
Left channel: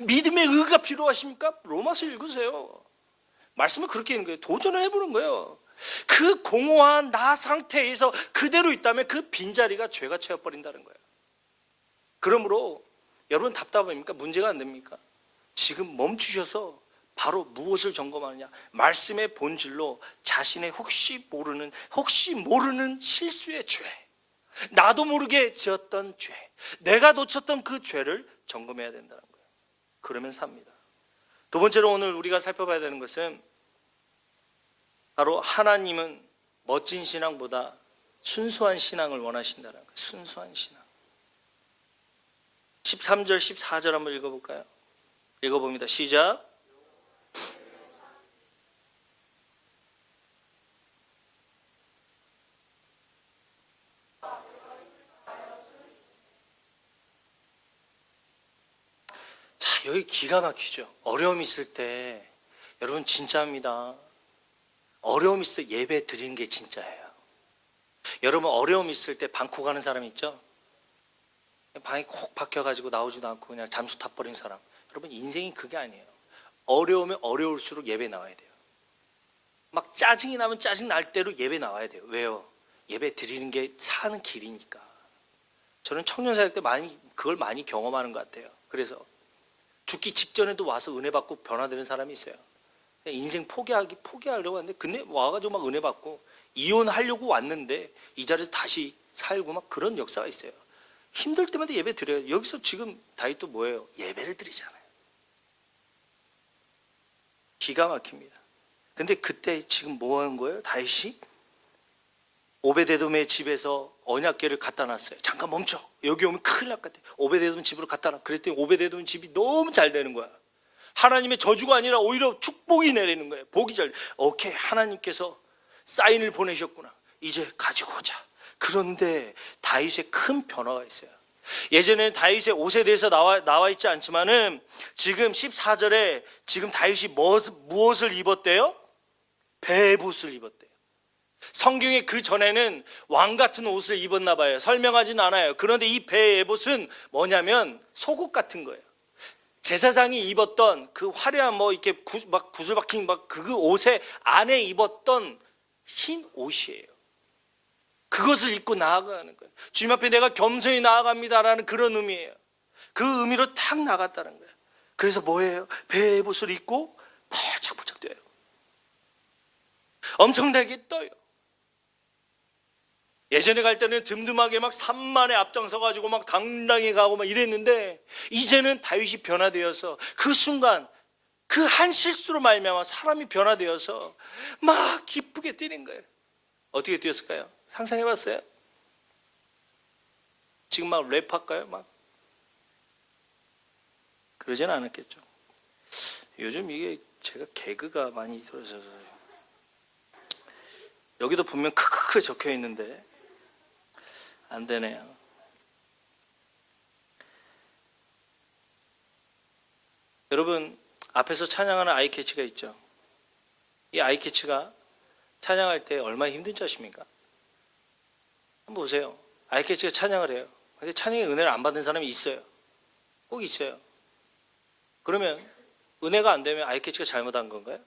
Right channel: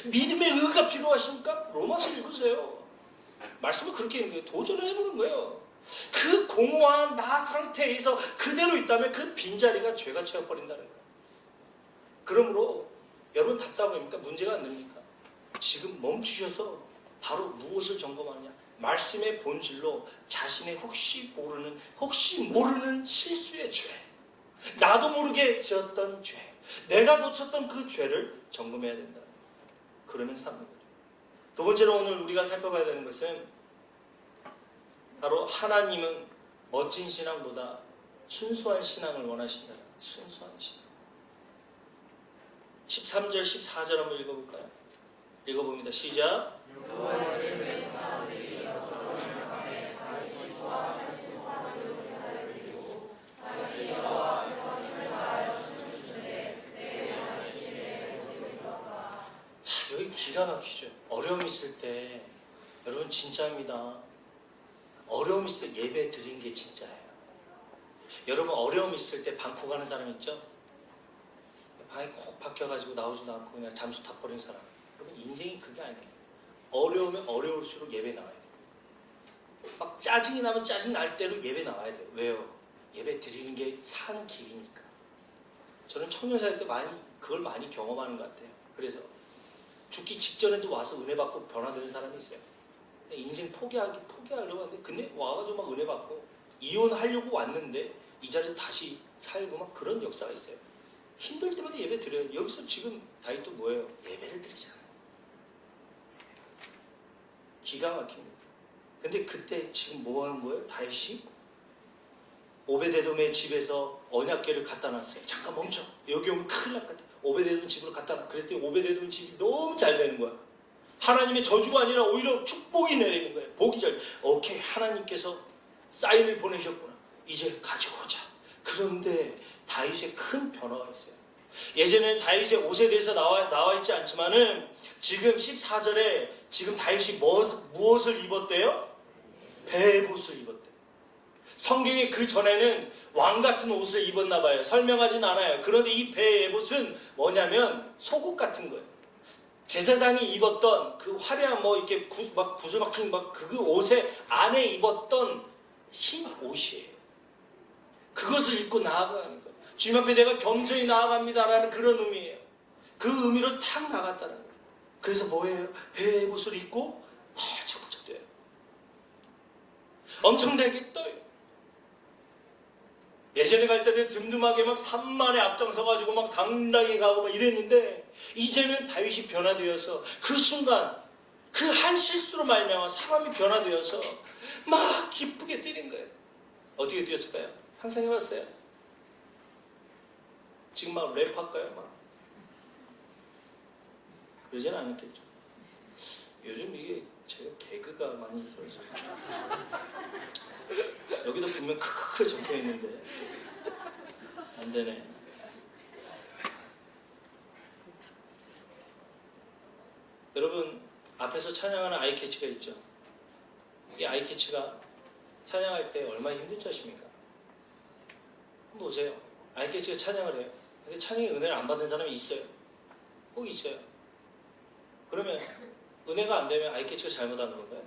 믿음의 의가 필요하십니까? 로마서 읽으세요. 말씀을 그렇게 읽는 거예요. 도전을 해보는 거예요. 그 공허한 나 상태에서 그대로 있다면 그 빈자리가 죄가 채워버린다는 거예요. 그러므로 여러분 답답합니까? 문제가 안 됩니까? 지금 멈추셔서 바로 무엇을 점검하느냐? 말씀의 본질로 자신의 혹시 모르는 실수의 죄, 나도 모르게 지었던 죄, 내가 놓쳤던 그 죄를 점검해야 된다는 거예요. 그러면 삽니다. 두 번째로 오늘 우리가 살펴봐야 되는 것은 바로 하나님은 멋진 신앙보다 순수한 신앙을 원하신다는 거예요. 순수한 신앙. 13절 14절 한번 읽어볼까요? 읽어봅니다. 시작. 자, 여기 기가 막히죠. 어려움 있을 때 여러분 진짜입니다. 어려움 있을 때 예배 드리는 게 진짜예요. 여러분 어려움 있을 때 방콕 가는 사람 있죠? 방이 콕 박혀가지고 나오지도 않고 그냥 잠수 타버린 사람. 여러분 인생이 그게 아니에요. 어려우면 어려울수록 예배 나와야 돼요. 막 짜증이 나면 짜증 날 대로 예배 나와야 돼요. 왜요? 예배 드리는 게 사는 길이니까. 저는 청년사역 때 많이 그걸 많이 경험하는 것 같아요. 그래서 죽기 직전에도 와서 은혜 받고 변화되는 사람이 있어요. 그냥 인생 포기하려고 하는데 근데 와가지고 막 은혜 받고 이혼하려고 왔는데 이 자리에서 다시 살고 막 그런 역사가 있어요. 힘들 때마다 예배 드려요. 여기서 지금 다윗도 뭐예요? 예배를 드리잖아요. 기가 막힙니다. 근데 그때 지금 뭐 하는 거예요? 다윗이 오베데돔의 집에서 언약궤를 갖다 놨어요. 잠깐 멈춰. 여기 오면 큰일 날 것 같아. 오베데돔 집으로 갖다 놔. 그랬더니 오베데돔 집이 너무 잘 되는 거야. 하나님의 저주가 아니라 오히려 축복이 내리는 거예요. 복이 잘. 오케이, 하나님께서 사인을 보내셨구나. 이제 가지고 오자. 그런데 다윗의 큰 변화가 있어요. 예전에 다윗의 옷에 대해서 나와 있지 않지만은 지금 14절에 지금 다윗이 무엇을 입었대요? 베옷을 입었대요. 성경에 그 전에는 왕 같은 옷을 입었나 봐요. 설명하진 않아요. 그런데 이 베옷은 뭐냐면 속옷 같은 거예요. 제사장이 입었던 그 화려한 뭐 이렇게 막 구슬 박힌 막 그 옷에 안에 입었던 흰 옷이에요. 그것을 입고 나아가는 거예요. 주님 앞에 내가 겸손히 나아갑니다라는 그런 의미예요. 그 의미로 탁 나갔다는 거예요. 그래서 뭐예요? 베옷을 입고 번쩍번쩍 뛰어요. 엄청나게 떠요. 예전에 갈 때는 듬듬하게 막 산만에 앞장서가지고 막 당당히 가고 막 이랬는데 이제는 다윗이 변화되어서 그 순간 그 한 실수로 말미암아 사람이 변화되어서 막 기쁘게 뛰는 거예요. 어떻게 뛰었을까요? 상상해봤어요? 지금 막 랩할까요? 막 그러진 않았겠죠. 요즘 이게 제가 개그가 많이 들어서 여기도 분명 크크크 적혀 있는데 안 되네요. 여러분 앞에서 찬양하는 아이캐치가 있죠. 이 아이캐치가 찬양할 때 얼마나 힘든 줄 아십니까? 한번 보세요. 아이캐치가 찬양을 해요. 근데 찬양의 은혜를 안 받는 사람이 있어요. 꼭 있어요. 그러면 은혜가 안 되면 아이캐치가 잘못한 건가요?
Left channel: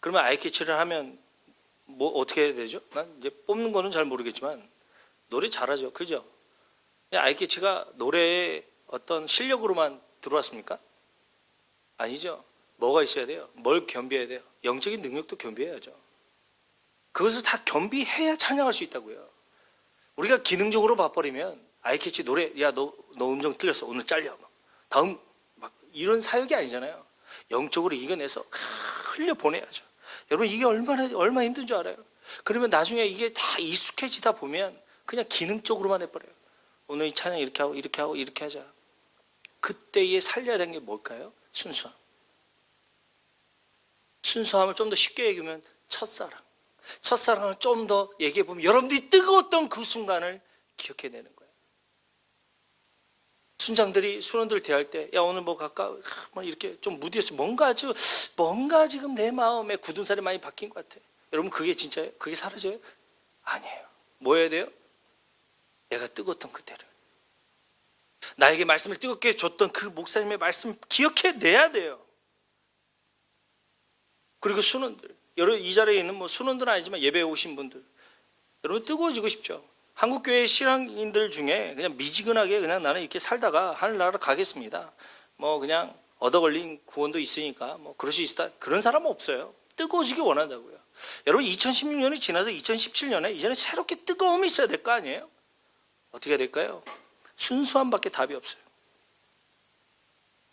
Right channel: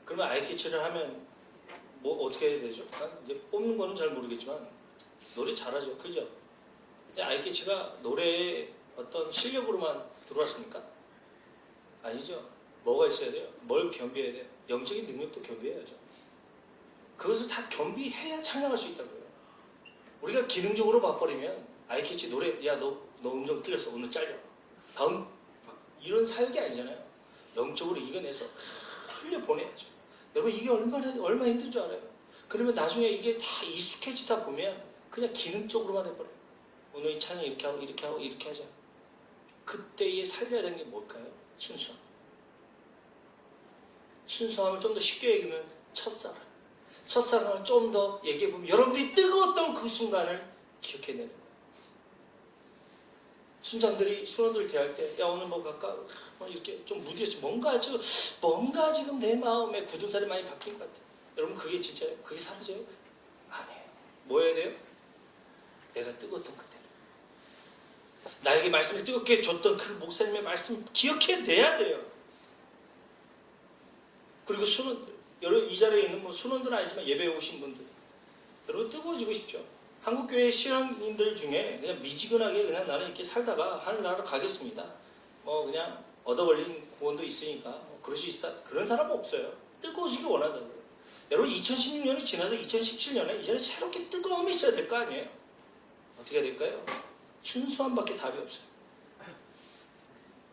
그러면 아이캐치를 하면 뭐 어떻게 해야 되죠? 이제 뽑는 거는 잘 모르겠지만 노래 잘하죠. 그죠? 아이캐치가 노래의 어떤 실력으로만 들어왔습니까? 아니죠. 뭐가 있어야 돼요? 뭘 겸비해야 돼요? 영적인 능력도 겸비해야죠. 그것을 다 겸비해야 찬양할 수 있다고요. 우리가 기능적으로 봐버리면 아이캐치 노래 야 너 음정 틀렸어. 오늘 잘려. 다음 막 이런 사역이 아니잖아요. 영적으로 이겨내서 흘려보내야죠. 여러분 이게 얼마나 힘든 줄 알아요? 그러면 나중에 이게 다 익숙해지다 보면 그냥 기능적으로만 해버려요. 오늘 이 찬양 이렇게 하고 이렇게 하고 이렇게 하자. 그때에 살려야 되는 게 뭘까요? 순수함. 순수함을 좀 더 쉽게 얘기하면 첫사랑. 첫사랑을 좀 더 얘기해보면 여러분들이 뜨거웠던 그 순간을 기억해내는 거예요. 순원들 대할 때 야 오늘 뭐 갈까? 막 이렇게 좀 무디해서 뭔가 지금 내 마음에 굳은 살이 많이 박힌 것 같아요. 여러분 그게 진짜예요? 그게 사라져요? 아니에요. 뭐 해야 돼요? 내가 뜨거웠던 그때를 나에게 말씀을 뜨겁게 줬던 그 목사님의 말씀 기억해내야 돼요. 그리고 순원들 여러분 이 자리에 있는 뭐 순원들은 아니지만 예배에 오신 분들 여러분 뜨거워지고 싶죠. 한국교회 신앙인들 중에 그냥 미지근하게 그냥 나는 이렇게 살다가 하늘나라로 가겠습니다. 뭐 그냥 얻어 걸린 구원도 있으니까 뭐 그럴 수 있다. 그런 사람은 없어요. 뜨거워지기 원한다고요. 여러분 2016년이 지나서 2017년에 이제는 새롭게 뜨거움이 있어야 될 거 아니에요? 어떻게 해야 될까요? 순수함밖에 답이 없어요.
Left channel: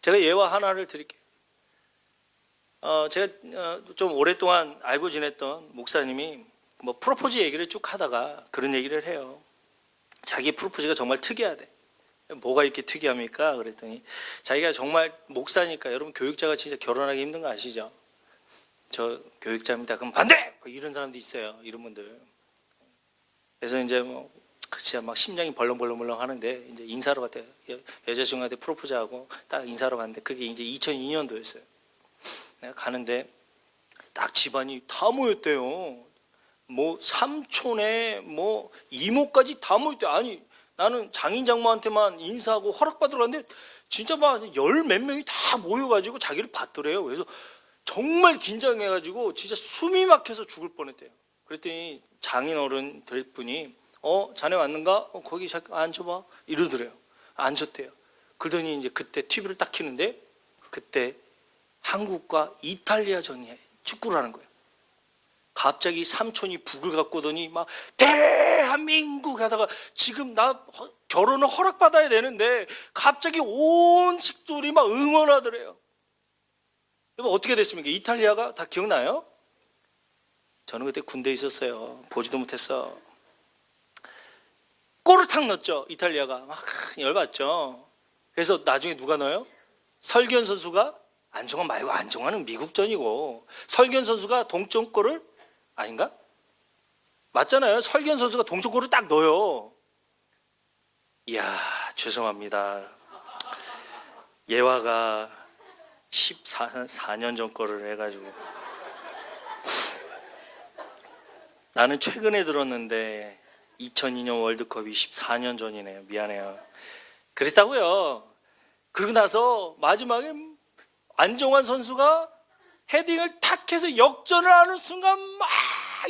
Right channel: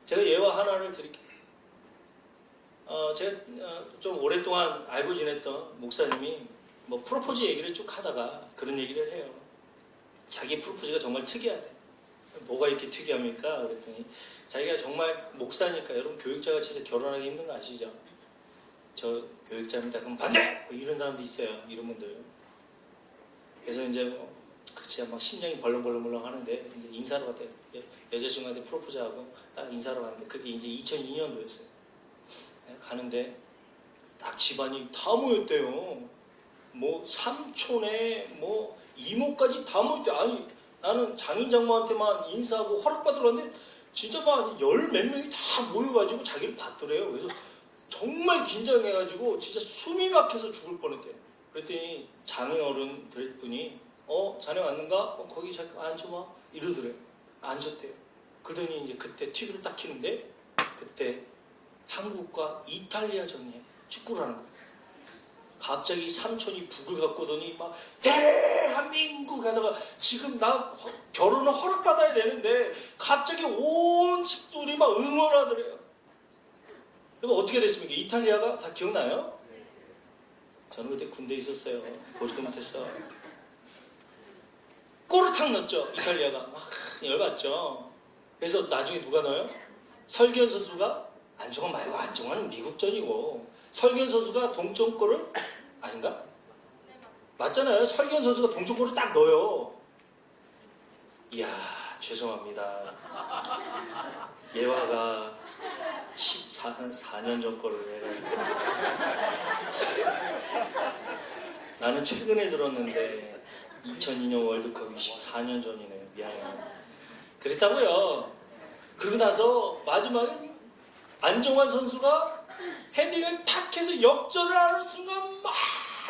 제가 예화 하나를 드릴게요. 제가 좀 오랫동안 알고 지냈던 목사님이 뭐 프로포즈 얘기를 쭉 하다가 그런 얘기를 해요. 자기 프로포즈가 정말 특이하대. 뭐가 이렇게 특이합니까? 그랬더니 자기가 정말 목사니까 여러분 교육자가 진짜 결혼하기 힘든 거 아시죠? 저 교육자입니다. 그럼 반대! 이런 사람도 있어요. 이런 분들. 그래서 이제 뭐 진짜 막 심장이 벌렁벌렁 하는데 이제 인사로 갔대요. 여자친구한테 프로포즈하고 딱 인사로 갔는데 그게 이제 2002년도였어요. 내가 가는데 딱 집안이 다 모였대요. 뭐 삼촌에 뭐 이모까지 다 모였대. 아니 나는 장인 장모한테만 인사하고 허락받으려는데 진짜 막 열 몇 명이 다 모여가지고 자기를 받더래요. 그래서 정말 긴장해가지고 진짜 숨이 막혀서 죽을 뻔했대요. 그랬더니 장인 어른 될 분이 자네 왔는가? 거기 잠깐 앉아봐 이러더래요. 앉았대요. 그러더니 이제 그때 TV를 딱 켜는데 그때 한국과 이탈리아전이 축구를 하는 거예요. 갑자기 삼촌이 북을 갖고 오더니 막 대한민국 하다가 지금 나 결혼을 허락받아야 되는데 갑자기 온 식구들이 막 응원하더래요. 여러분 어떻게 됐습니까? 이탈리아가 다 기억나요? 저는 그때 군대에 있었어요. 보지도 못했어. 골을 탁 넣었죠. 이탈리아가 막 열받죠. 그래서 나중에 누가 넣어요? 설기현 선수가 안정환 말고 안정환은 미국전이고 설기현 선수가 동점골을 아닌가? 맞잖아요. 설기현 선수가 동점골을 딱 넣어요. 이야 죄송합니다. 예화가 4년 전 거를 해가지고 나는 최근에 들었는데 2002년 월드컵이 14년 전이네요. 미안해요. 그랬다고요. 그러고 나서 마지막에 안정환 선수가 헤딩을 탁 해서 역전을 하는 순간 막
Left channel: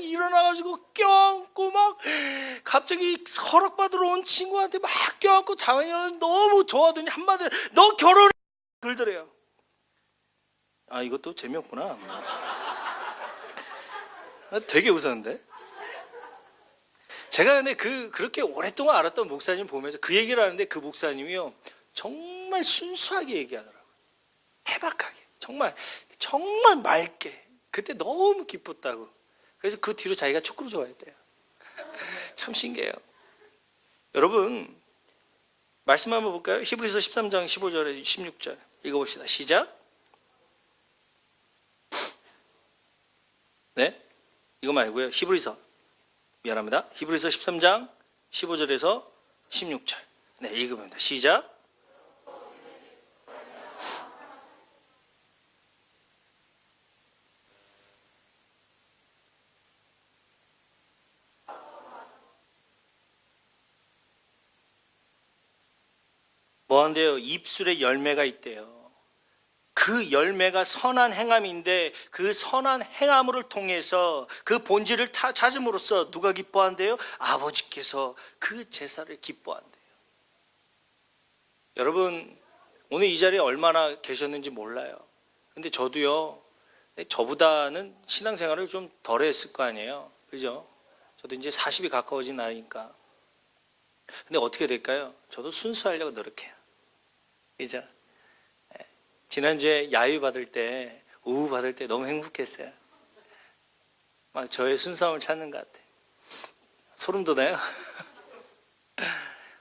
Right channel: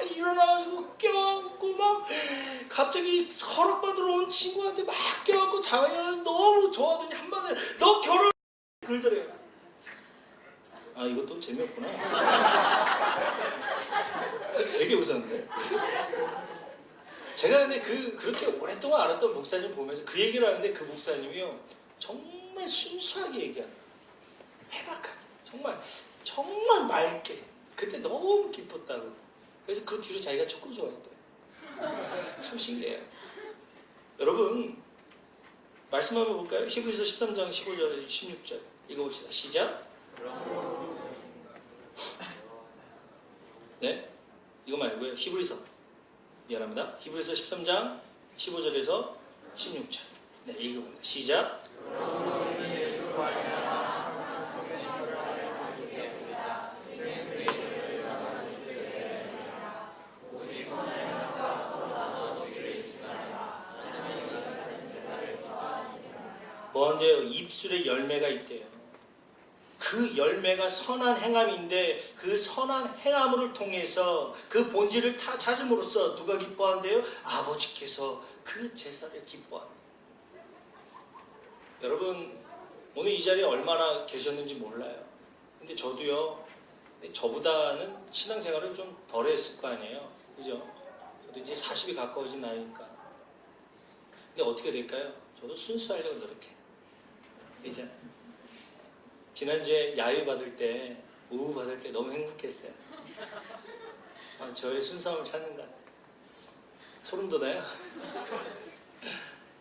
일어나가지고 껴안고 막 갑자기 허락받으러 온 친구한테 막 껴안고 자매를 너무 좋아하더니 한마디로 너 결혼해 그러더래요. 아 이것도 재미없구나. 되게 웃었는데. 제가 근데 그렇게 오랫동안 알았던 목사님 보면서 그 얘기를 하는데 그 목사님이요 정말 순수하게 얘기하더라고요. 해박하게 정말 맑게 그때 너무 기뻤다고. 그래서 그 뒤로 자기가 축구를 좋아했대요. 참 신기해요. 여러분 말씀 한번 볼까요? 히브리서 13장 15절에 16절 읽어봅시다. 시작. 네? 이거 말고요. 히브리서 미안합니다. 히브리서 13장 15절에서 16절 네 읽으면 시작. 뭐한대요? 입술에 열매가 있대요. 그 열매가 선한 행함인데 그 선한 행함을 통해서 그 본질을 찾음으로써 누가 기뻐한대요? 아버지께서 그 제사를 기뻐한대요. 여러분 오늘 이 자리에 얼마나 계셨는지 몰라요. 근데 저도요 저보다는 신앙생활을 좀 덜 했을 거 아니에요. 그죠? 저도 이제 40이 가까워진 나이니까. 근데 어떻게 될까요? 저도 순수하려고 노력해요. 그죠? 지난주에 야유 받을 때, 우우 받을 때 너무 행복했어요. 막 저의 순수함을 찾는 것 같아요. 소름 돋아요?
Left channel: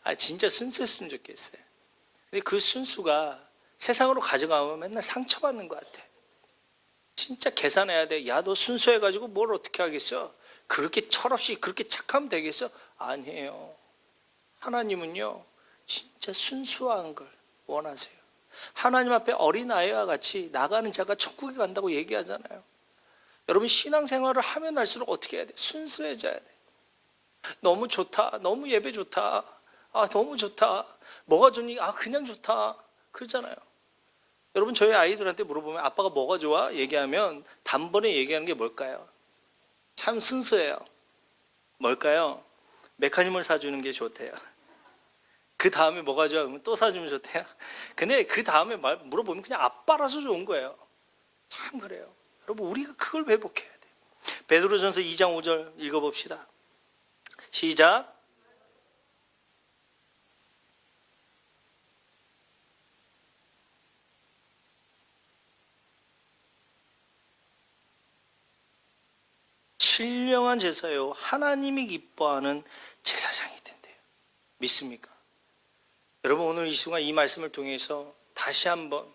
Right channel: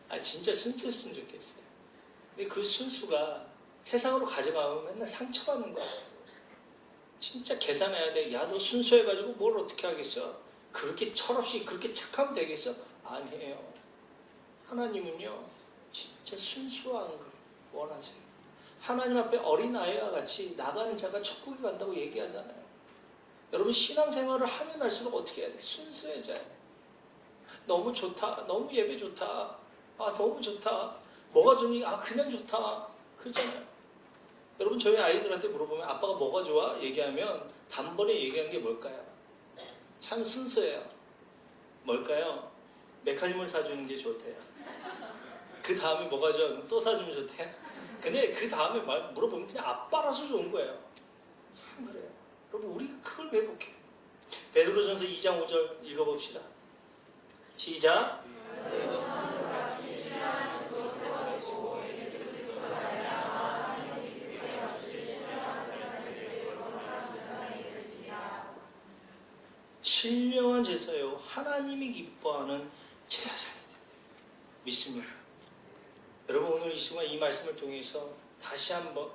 아, 진짜 순수했으면 좋겠어요. 근데 그 순수가 세상으로 가져가면 맨날 상처받는 것 같아요. 진짜 계산해야 돼. 야, 너 순수해가지고 뭘 어떻게 하겠어? 그렇게 철없이 그렇게 착하면 되겠어? 아니에요. 하나님은요, 진짜 순수한 걸 원하세요. 하나님 앞에 어린아이와 같이 나가는 자가 천국에 간다고 얘기하잖아요. 여러분 신앙생활을 하면 할수록 어떻게 해야 돼? 순수해져야 돼. 너무 좋다. 너무 예배 좋다. 아 너무 좋다. 뭐가 좋니? 아 그냥 좋다. 그러잖아요. 여러분 저희 아이들한테 물어보면 아빠가 뭐가 좋아? 얘기하면 단번에 얘기하는 게 뭘까요? 참 순수해요. 뭘까요? 메카님을 사주는 게 좋대요. 그 다음에 뭐가 좋아? 그럼 또 사주면 좋대요. 근데 그 다음에 물어보면 그냥 아빠라서 좋은 거예요. 참 그래요. 여러분 우리가 그걸 회복해야 돼. 베드로전서 2장 5절 읽어봅시다. 시작. 신령한 제사요 하나님이 기뻐하는 제사장이 된대요. 믿습니까? 여러분 오늘 이 순간 이 말씀을 통해서 다시 한번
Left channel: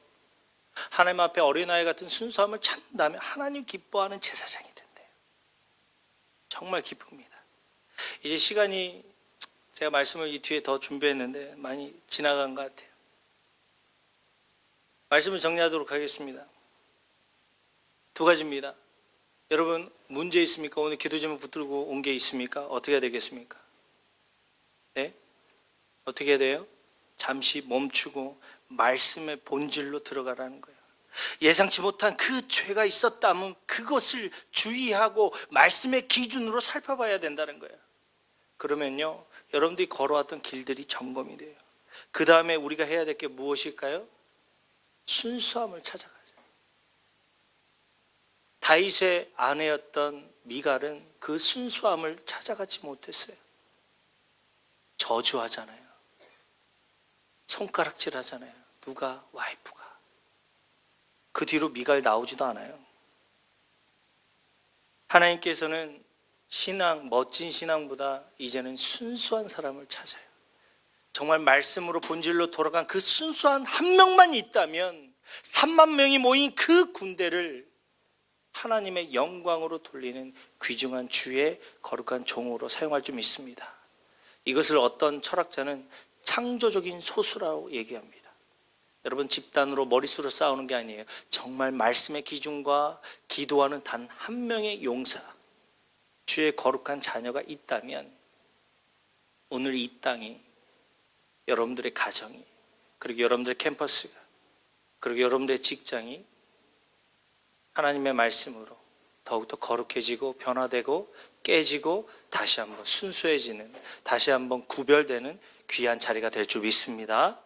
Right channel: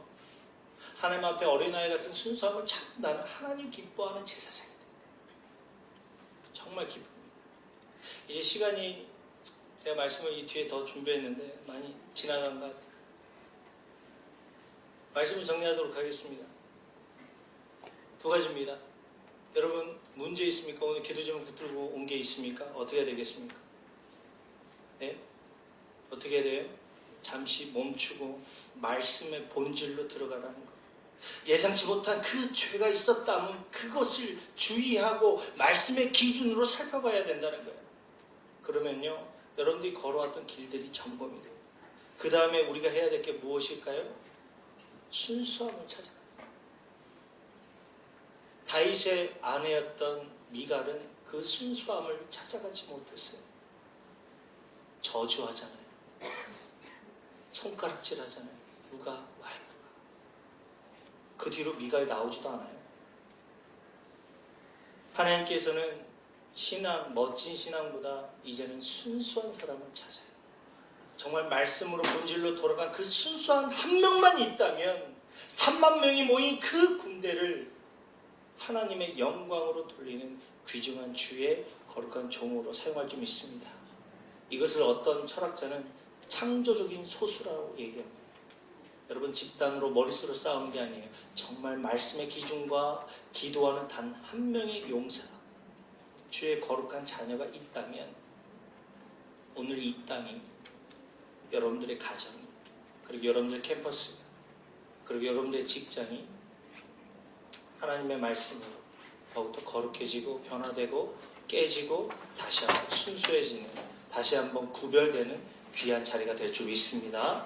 하나님 앞에 어린아이 같은 순수함을 찾는다면 하나님 기뻐하는 제사장이 된대요. 정말 기쁩니다. 이제 시간이 제가 말씀을 이 뒤에 더 준비했는데 많이 지나간 것 같아요. 말씀을 정리하도록 하겠습니다. 두 가지입니다. 여러분 문제 있습니까? 오늘 기도 제목 붙들고 온 게 있습니까? 어떻게 해야 되겠습니까? 네? 어떻게 해야 돼요? 잠시 멈추고 말씀의 본질로 들어가라는 거예요. 예상치 못한 그 죄가 있었다면 그것을 주의하고 말씀의 기준으로 살펴봐야 된다는 거예요. 그러면요 여러분들이 걸어왔던 길들이 점검이 돼요. 그 다음에 우리가 해야 될 게 무엇일까요? 순수함을 찾아가죠. 다윗의 아내였던 미갈은 그 순수함을 찾아가지 못했어요. 저주하잖아요. 손가락질하잖아요. 누가? 와이프가. 그 뒤로 미갈 나오지도 않아요. 하나님께서는 신앙, 멋진 신앙보다 이제는 순수한 사람을 찾아요. 정말 말씀으로 본질로 돌아간 그 순수한 한 명만 있다면 3만 명이 모인 그 군대를 하나님의 영광으로 돌리는 귀중한 주의 거룩한 종으로 사용할 줄 믿습니다. 이것을 어떤 철학자는 창조적인 소수라고 얘기합니다. 여러분, 집단으로 머릿수로 싸우는 게 아니에요. 정말 말씀의 기준과 기도하는 단 한 명의 용사, 주의 거룩한 자녀가 있다면 오늘 이 땅이, 여러분들의 가정이, 그리고 여러분들의 캠퍼스가, 그리고 여러분들의 직장이 하나님의 말씀으로 더욱더 거룩해지고 변화되고 깨지고 다시 한번 순수해지는, 다시 한번 구별되는 귀한 자리가 될 줄 믿습니다.